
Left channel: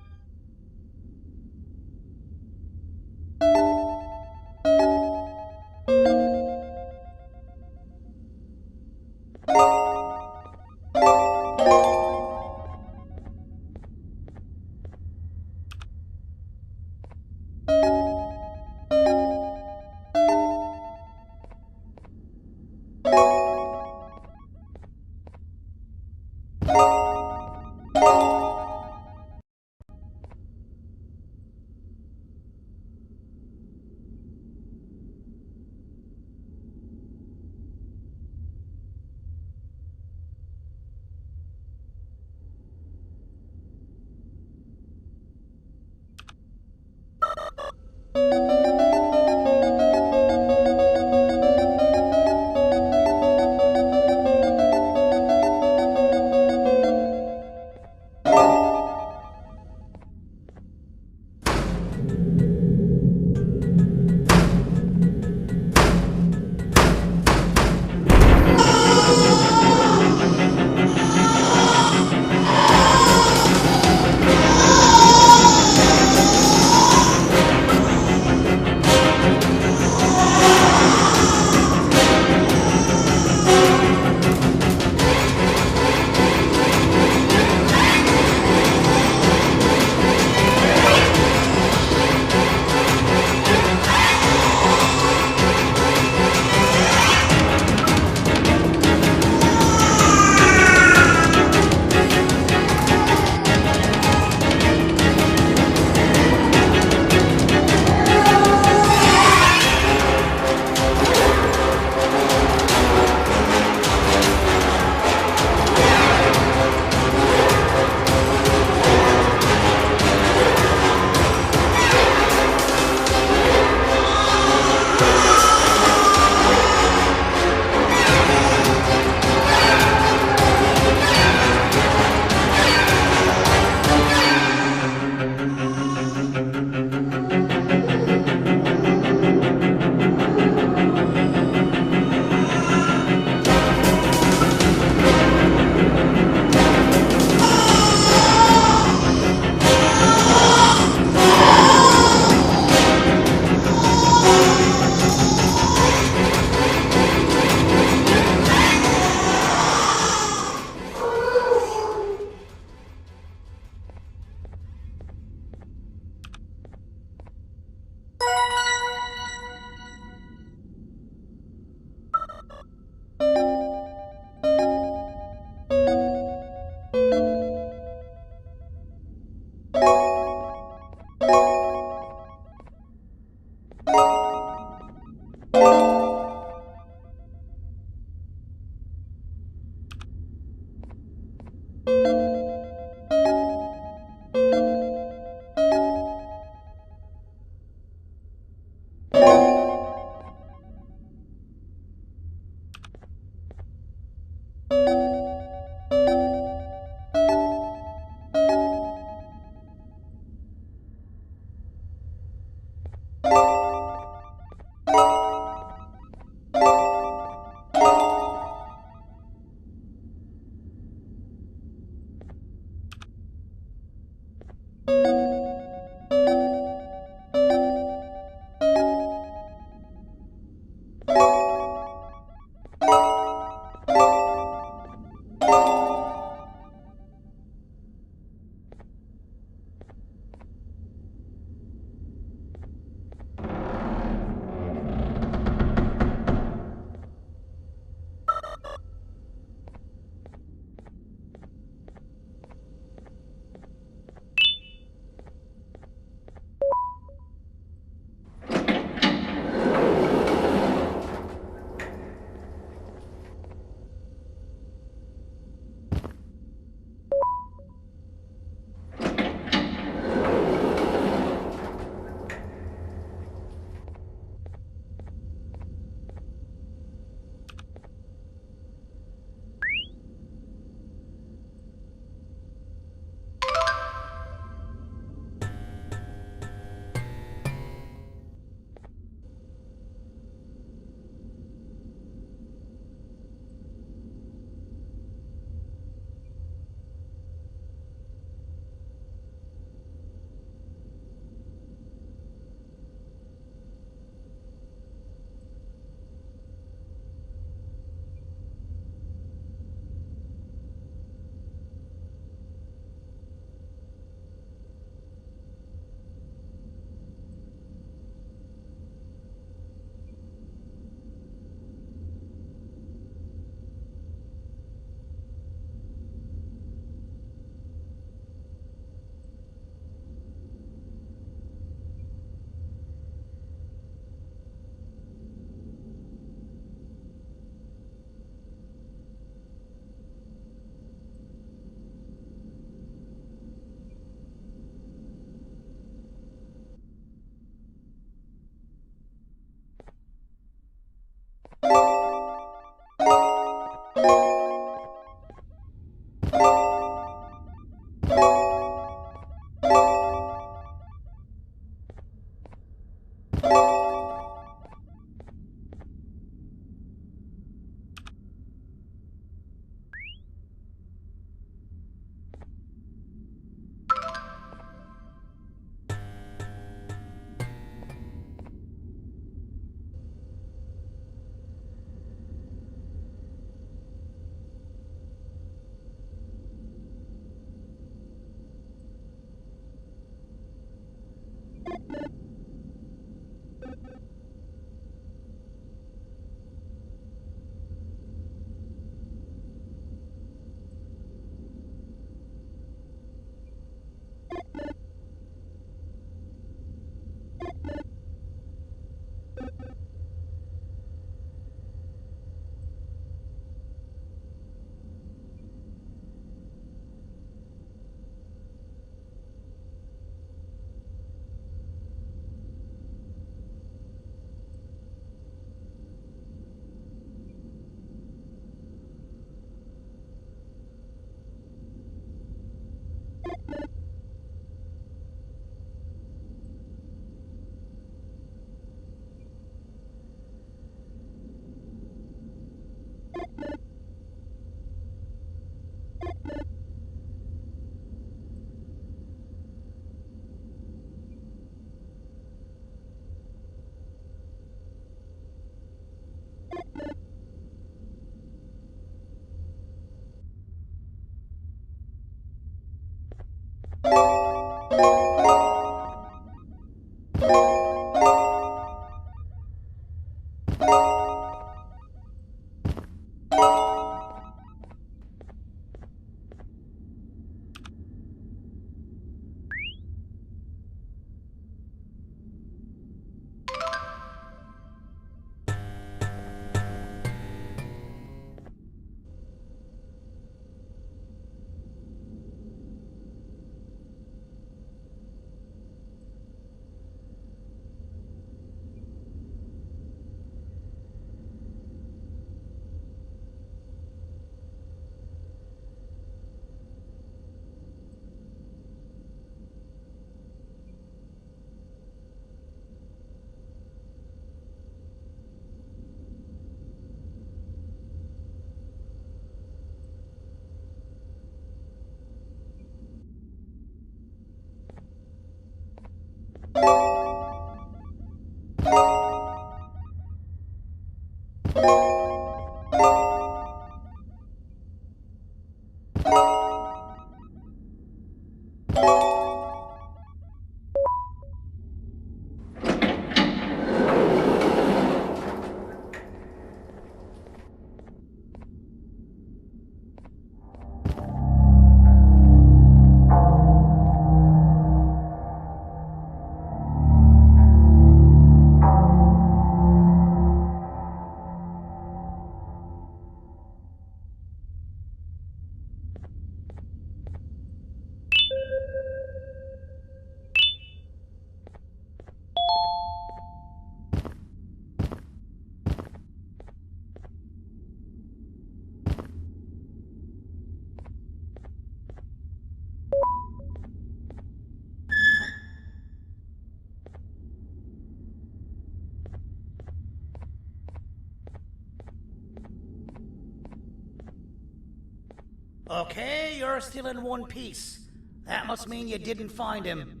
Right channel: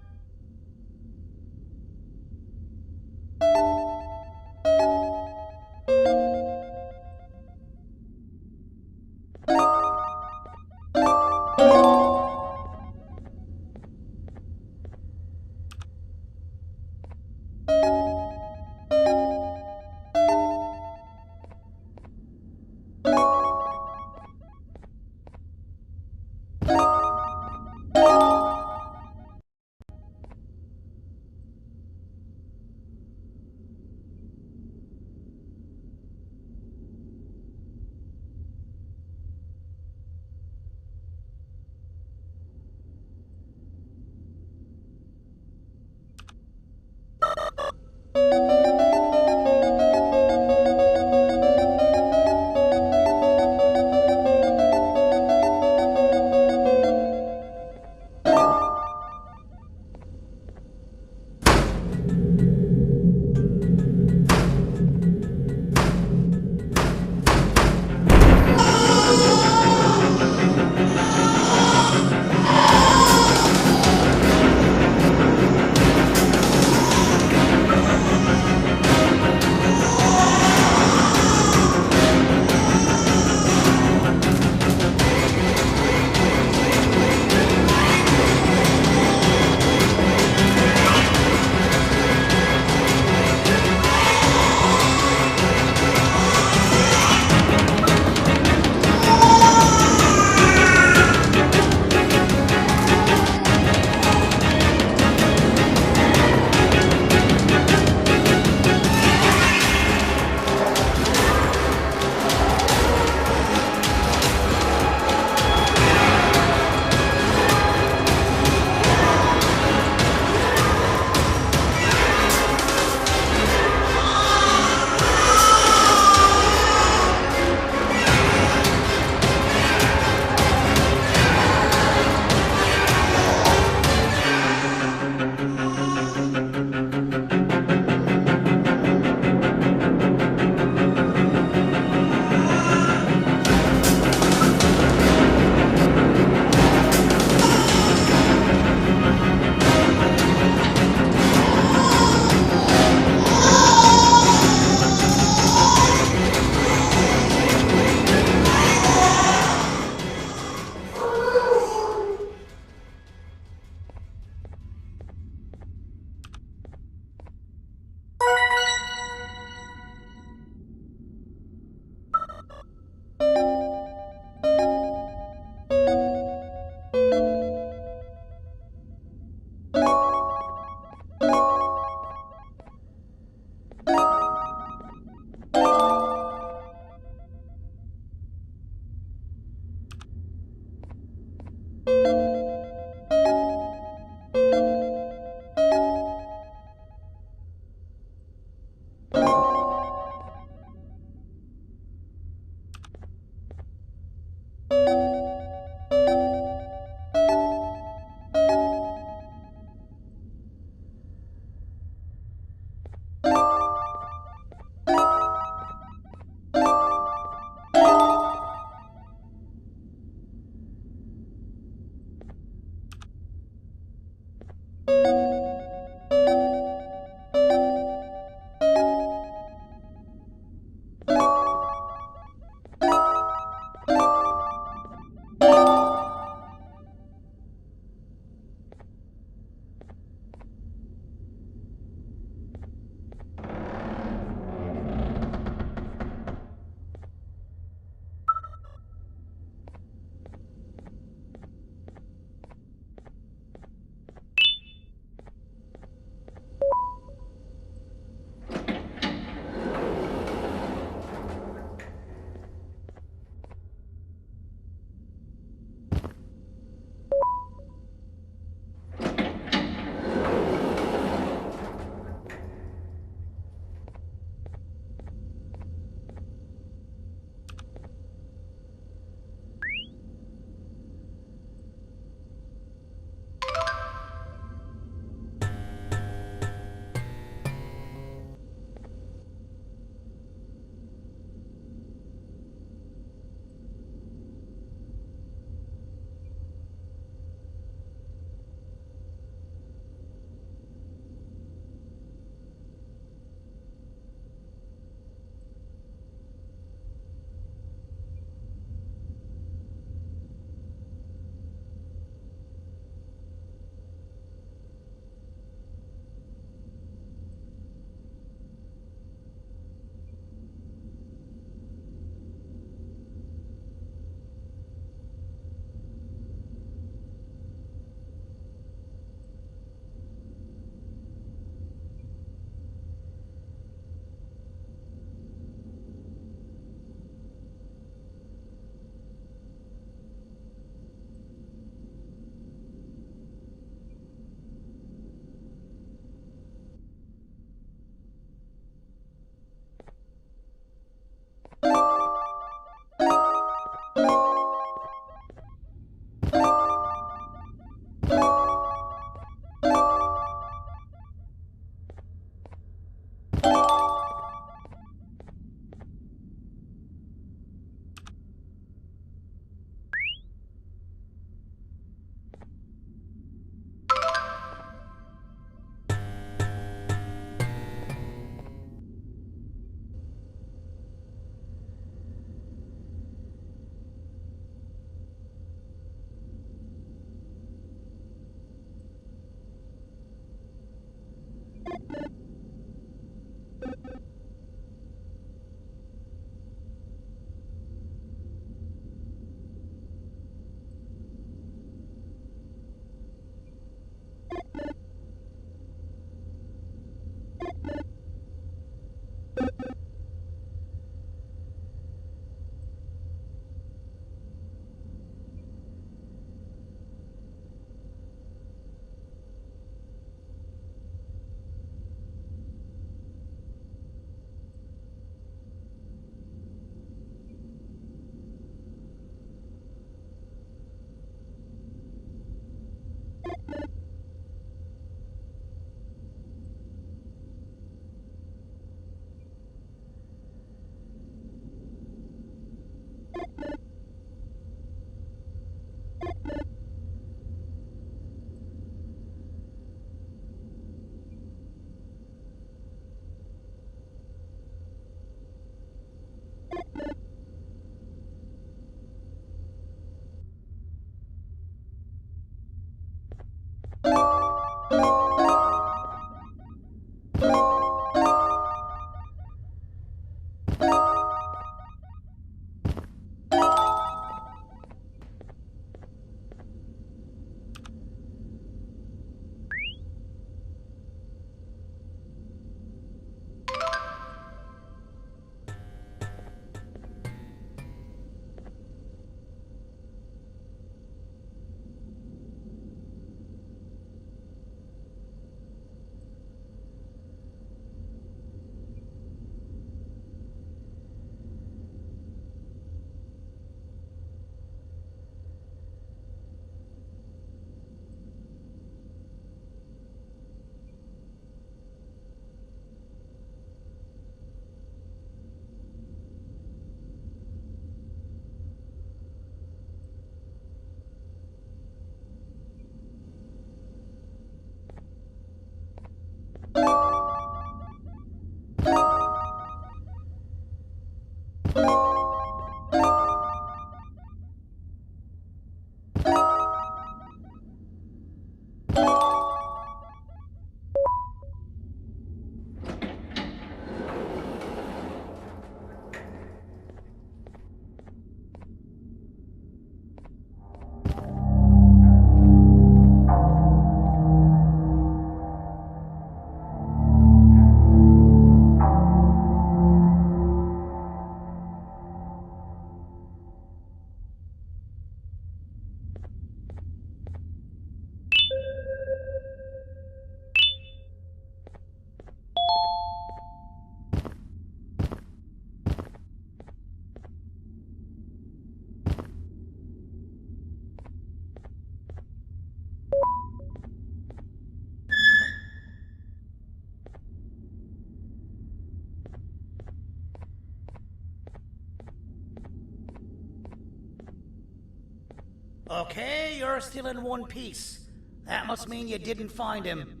Okay, you're still in one piece. That must mean you didn't find him.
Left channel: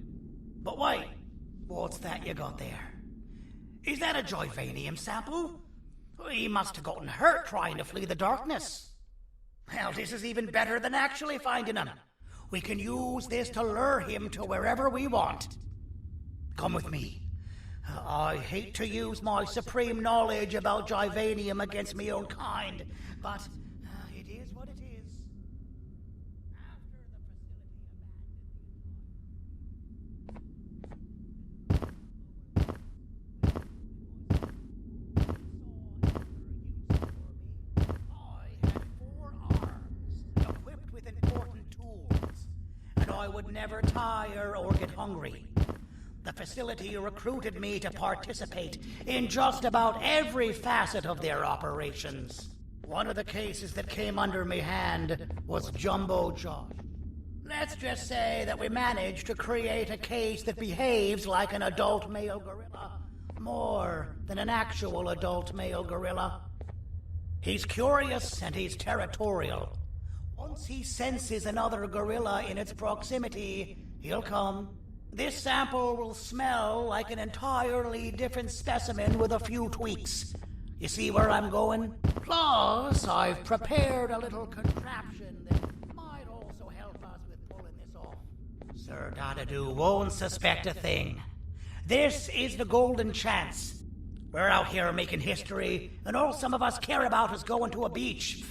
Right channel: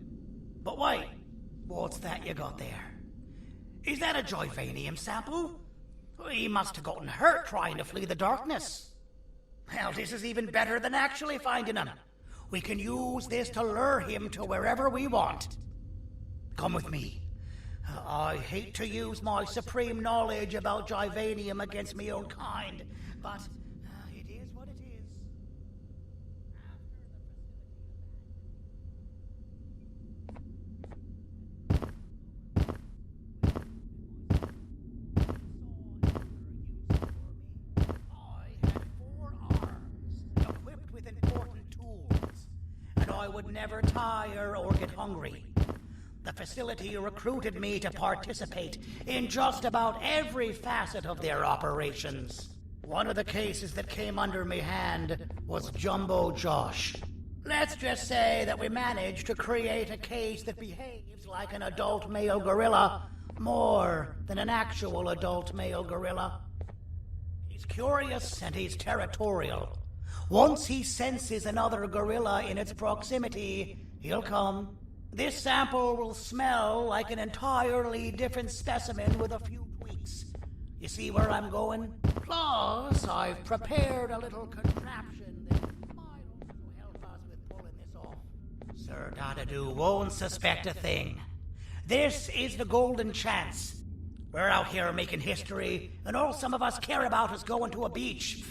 But wait, what's that you got there? Is that a Joyvanium sample? He must have gotten hurt trying to flee the darkness. Well, this is even better than actually finding him. We can use this to lure him to wherever we want. Come with me. I hate to use my supreme knowledge about Joyvanium against my own kind, but it is what it is. Equipped with important tools, and I would never tire or get hungry. The facility recruited me to participate in just about every facet of their operations. One of the cases that came under me hand was Jumbo Josh. Let's just say that we managed to create a case that behaves like an adult male gorilla, more than an actual adult male gorilla. He's curious and he's territorial. Once he senses another gorilla in its proximity, he'll come. This sample will smell like an entirely different specimen with a few tweaks. You see where I'm going? Plus, I've prepared a little contraption that might also help us with pulling this off. Sir Dadadu won't suspect a thing. This is the golden chance. We're out here making history, and all some of us care about is going to a beach.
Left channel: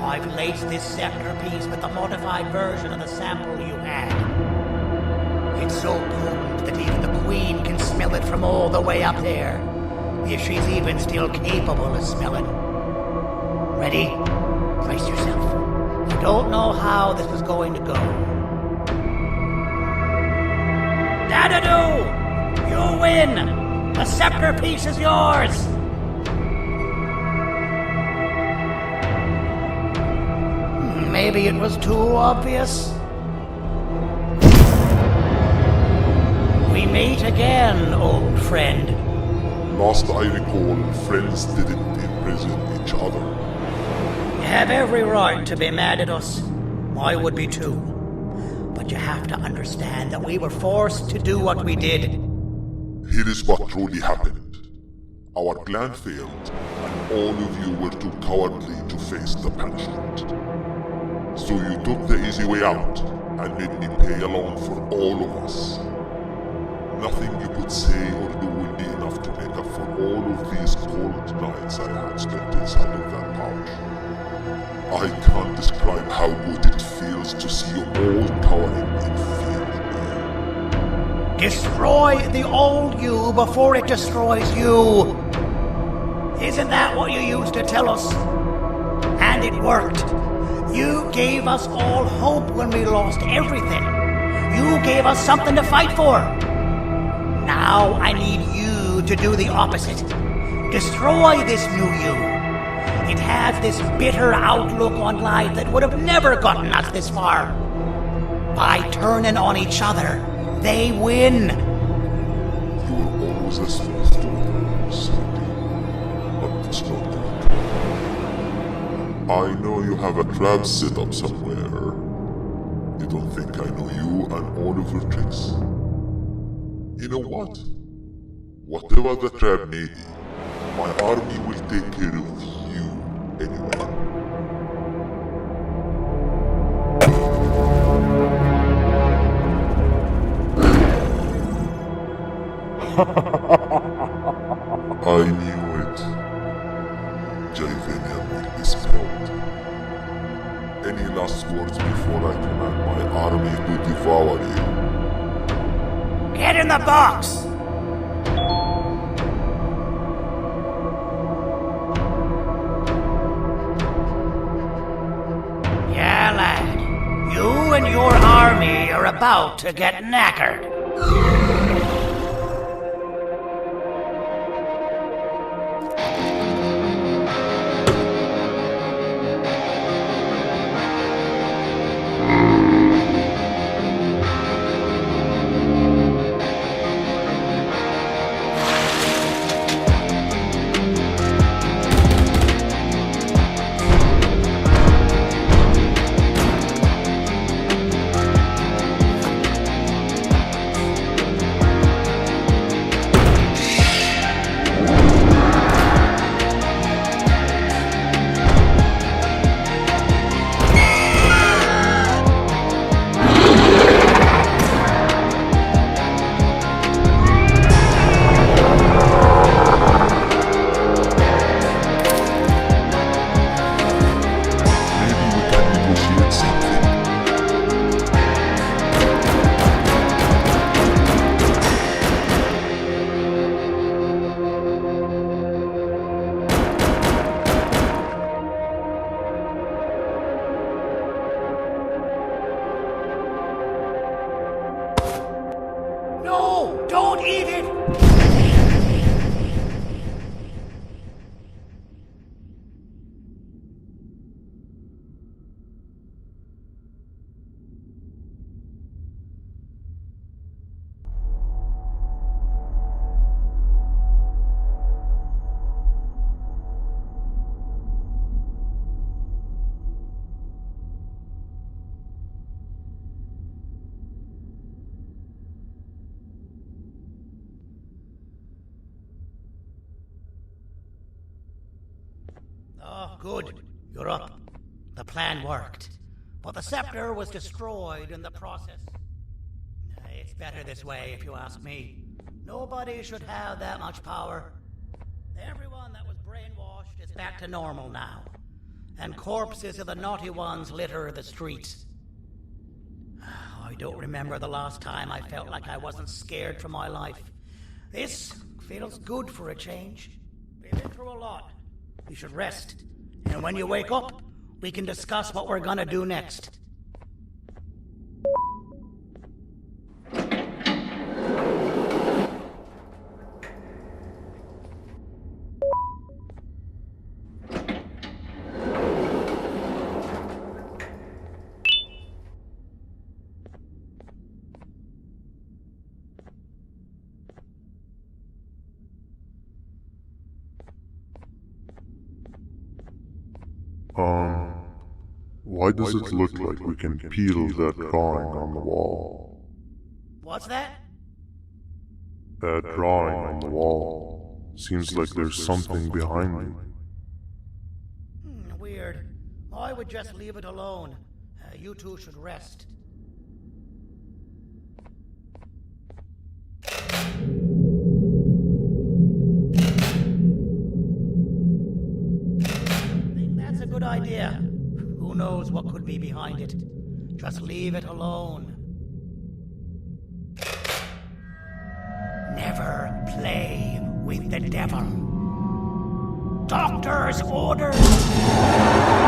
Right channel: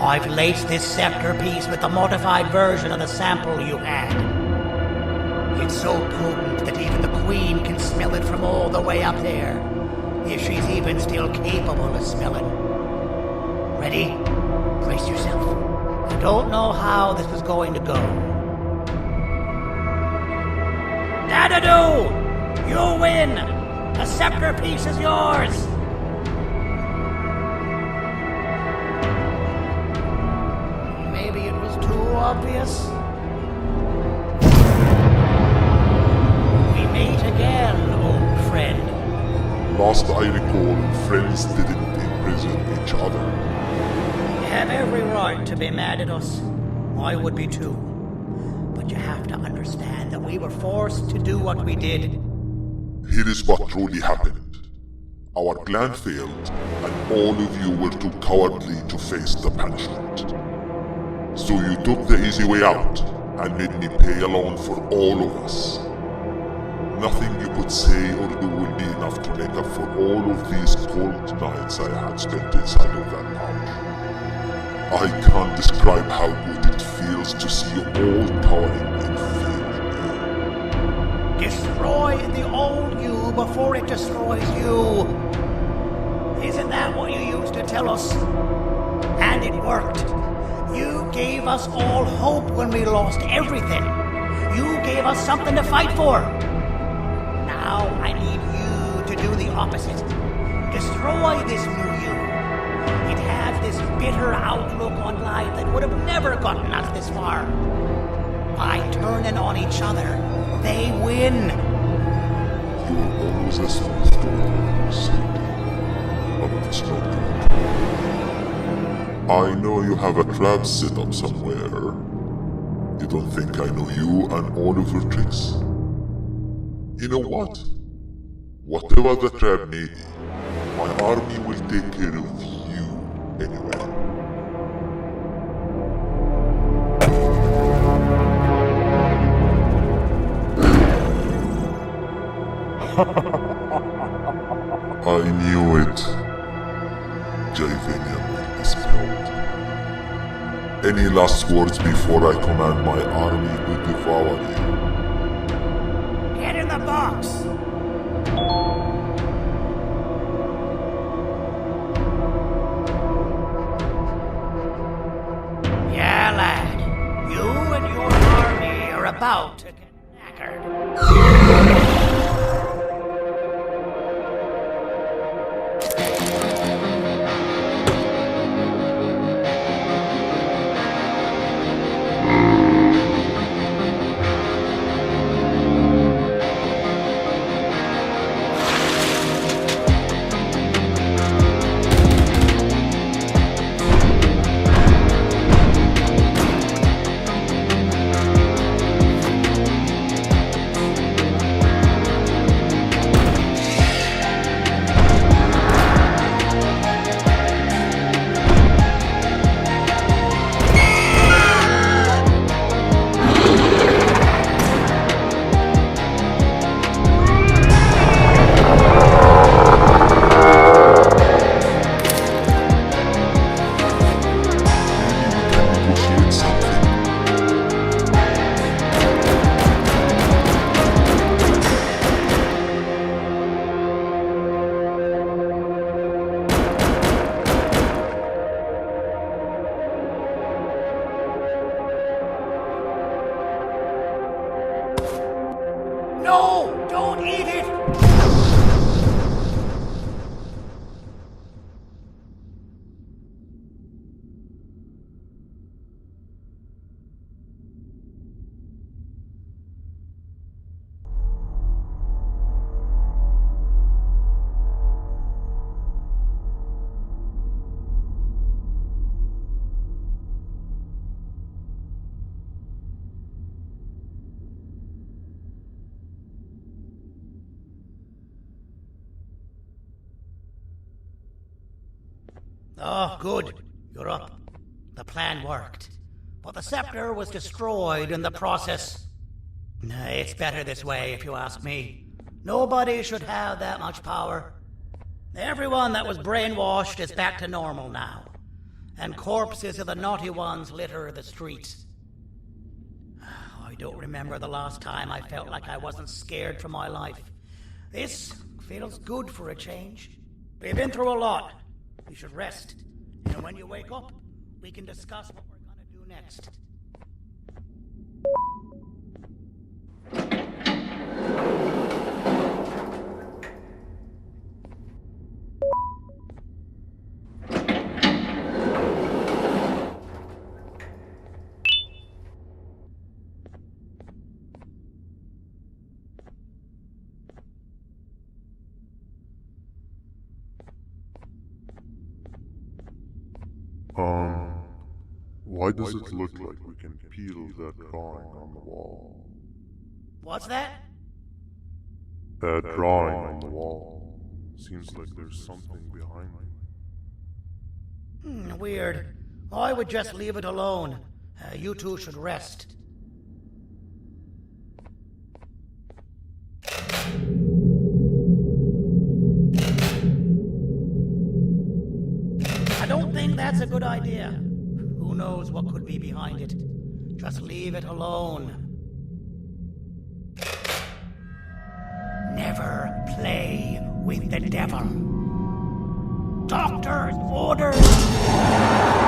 I've laced this scepter piece with the modified version of the sample you had. It's so potent that even the Queen can smell it from all the way up there, if she's even still capable of smelling. Ready? Brace yourself. I don't know how this is going to go. Dadadoo! You win! The scepter piece is yours! Maybe it was too obvious. We meet again, old friend. Last I recall, friends didn't imprison each other. You have every right to be mad at us. I would be too. But you have to understand that we were forced to do what we did. Here is what truly happened. Our plan failed, and all of you were too cowardly to face the punishment. So you took the easy way out, and made me pay alone for all of us. Nothing you could say or do will be enough to make up for all of these cold nights I had spent inside of that pouch. I can't describe how good it feels to see you all cowering in fear of me. Destroy the old you before it destroys you. Isn't that what you used to tell us? And it worked. You gave us all hope when we lost everything. You gave us something to fight for. Now I need you to do the opposite. Destroy this new you. It has this bitter outlook on life that would have never gotten us this far. By turning on each other, they win. You were always a smooth talker, Cindy, but it's not good. I know you have a trap set up somewhere. You don't think I know you and all of your tricks? You know what? Whatever the trap may be, my army will take care of you anyway. I knew it. Javanian will be spelled. Any last words before I command my army to devour you? Get in the box! Yeah, lad. You and your army are about to get knackered. No! Don't eat it! Oh, good. You're up. The plan worked. But the scepter was destroyed in the process. It's better this way, if you ask me. Nobody should have that much power. Everyone that was brainwashed is back to normal now. and corpses of the naughty ones litter the streets. I don't remember the last time I felt like I wasn't scared for my life. This feels good for a change. We've been through a lot. You should rest. And when you wake up, we can discuss what we're gonna do next. Why does it look like we can peel that drawing on the wall? What's that? That drawing on the wall. Seems like there's something behind it. Weird. I would just leave it alone. You two should rest. I don't think that's a good idea. Who knows what could be behind it? Just leave it alone. Never play with the devil. Doctor's orders!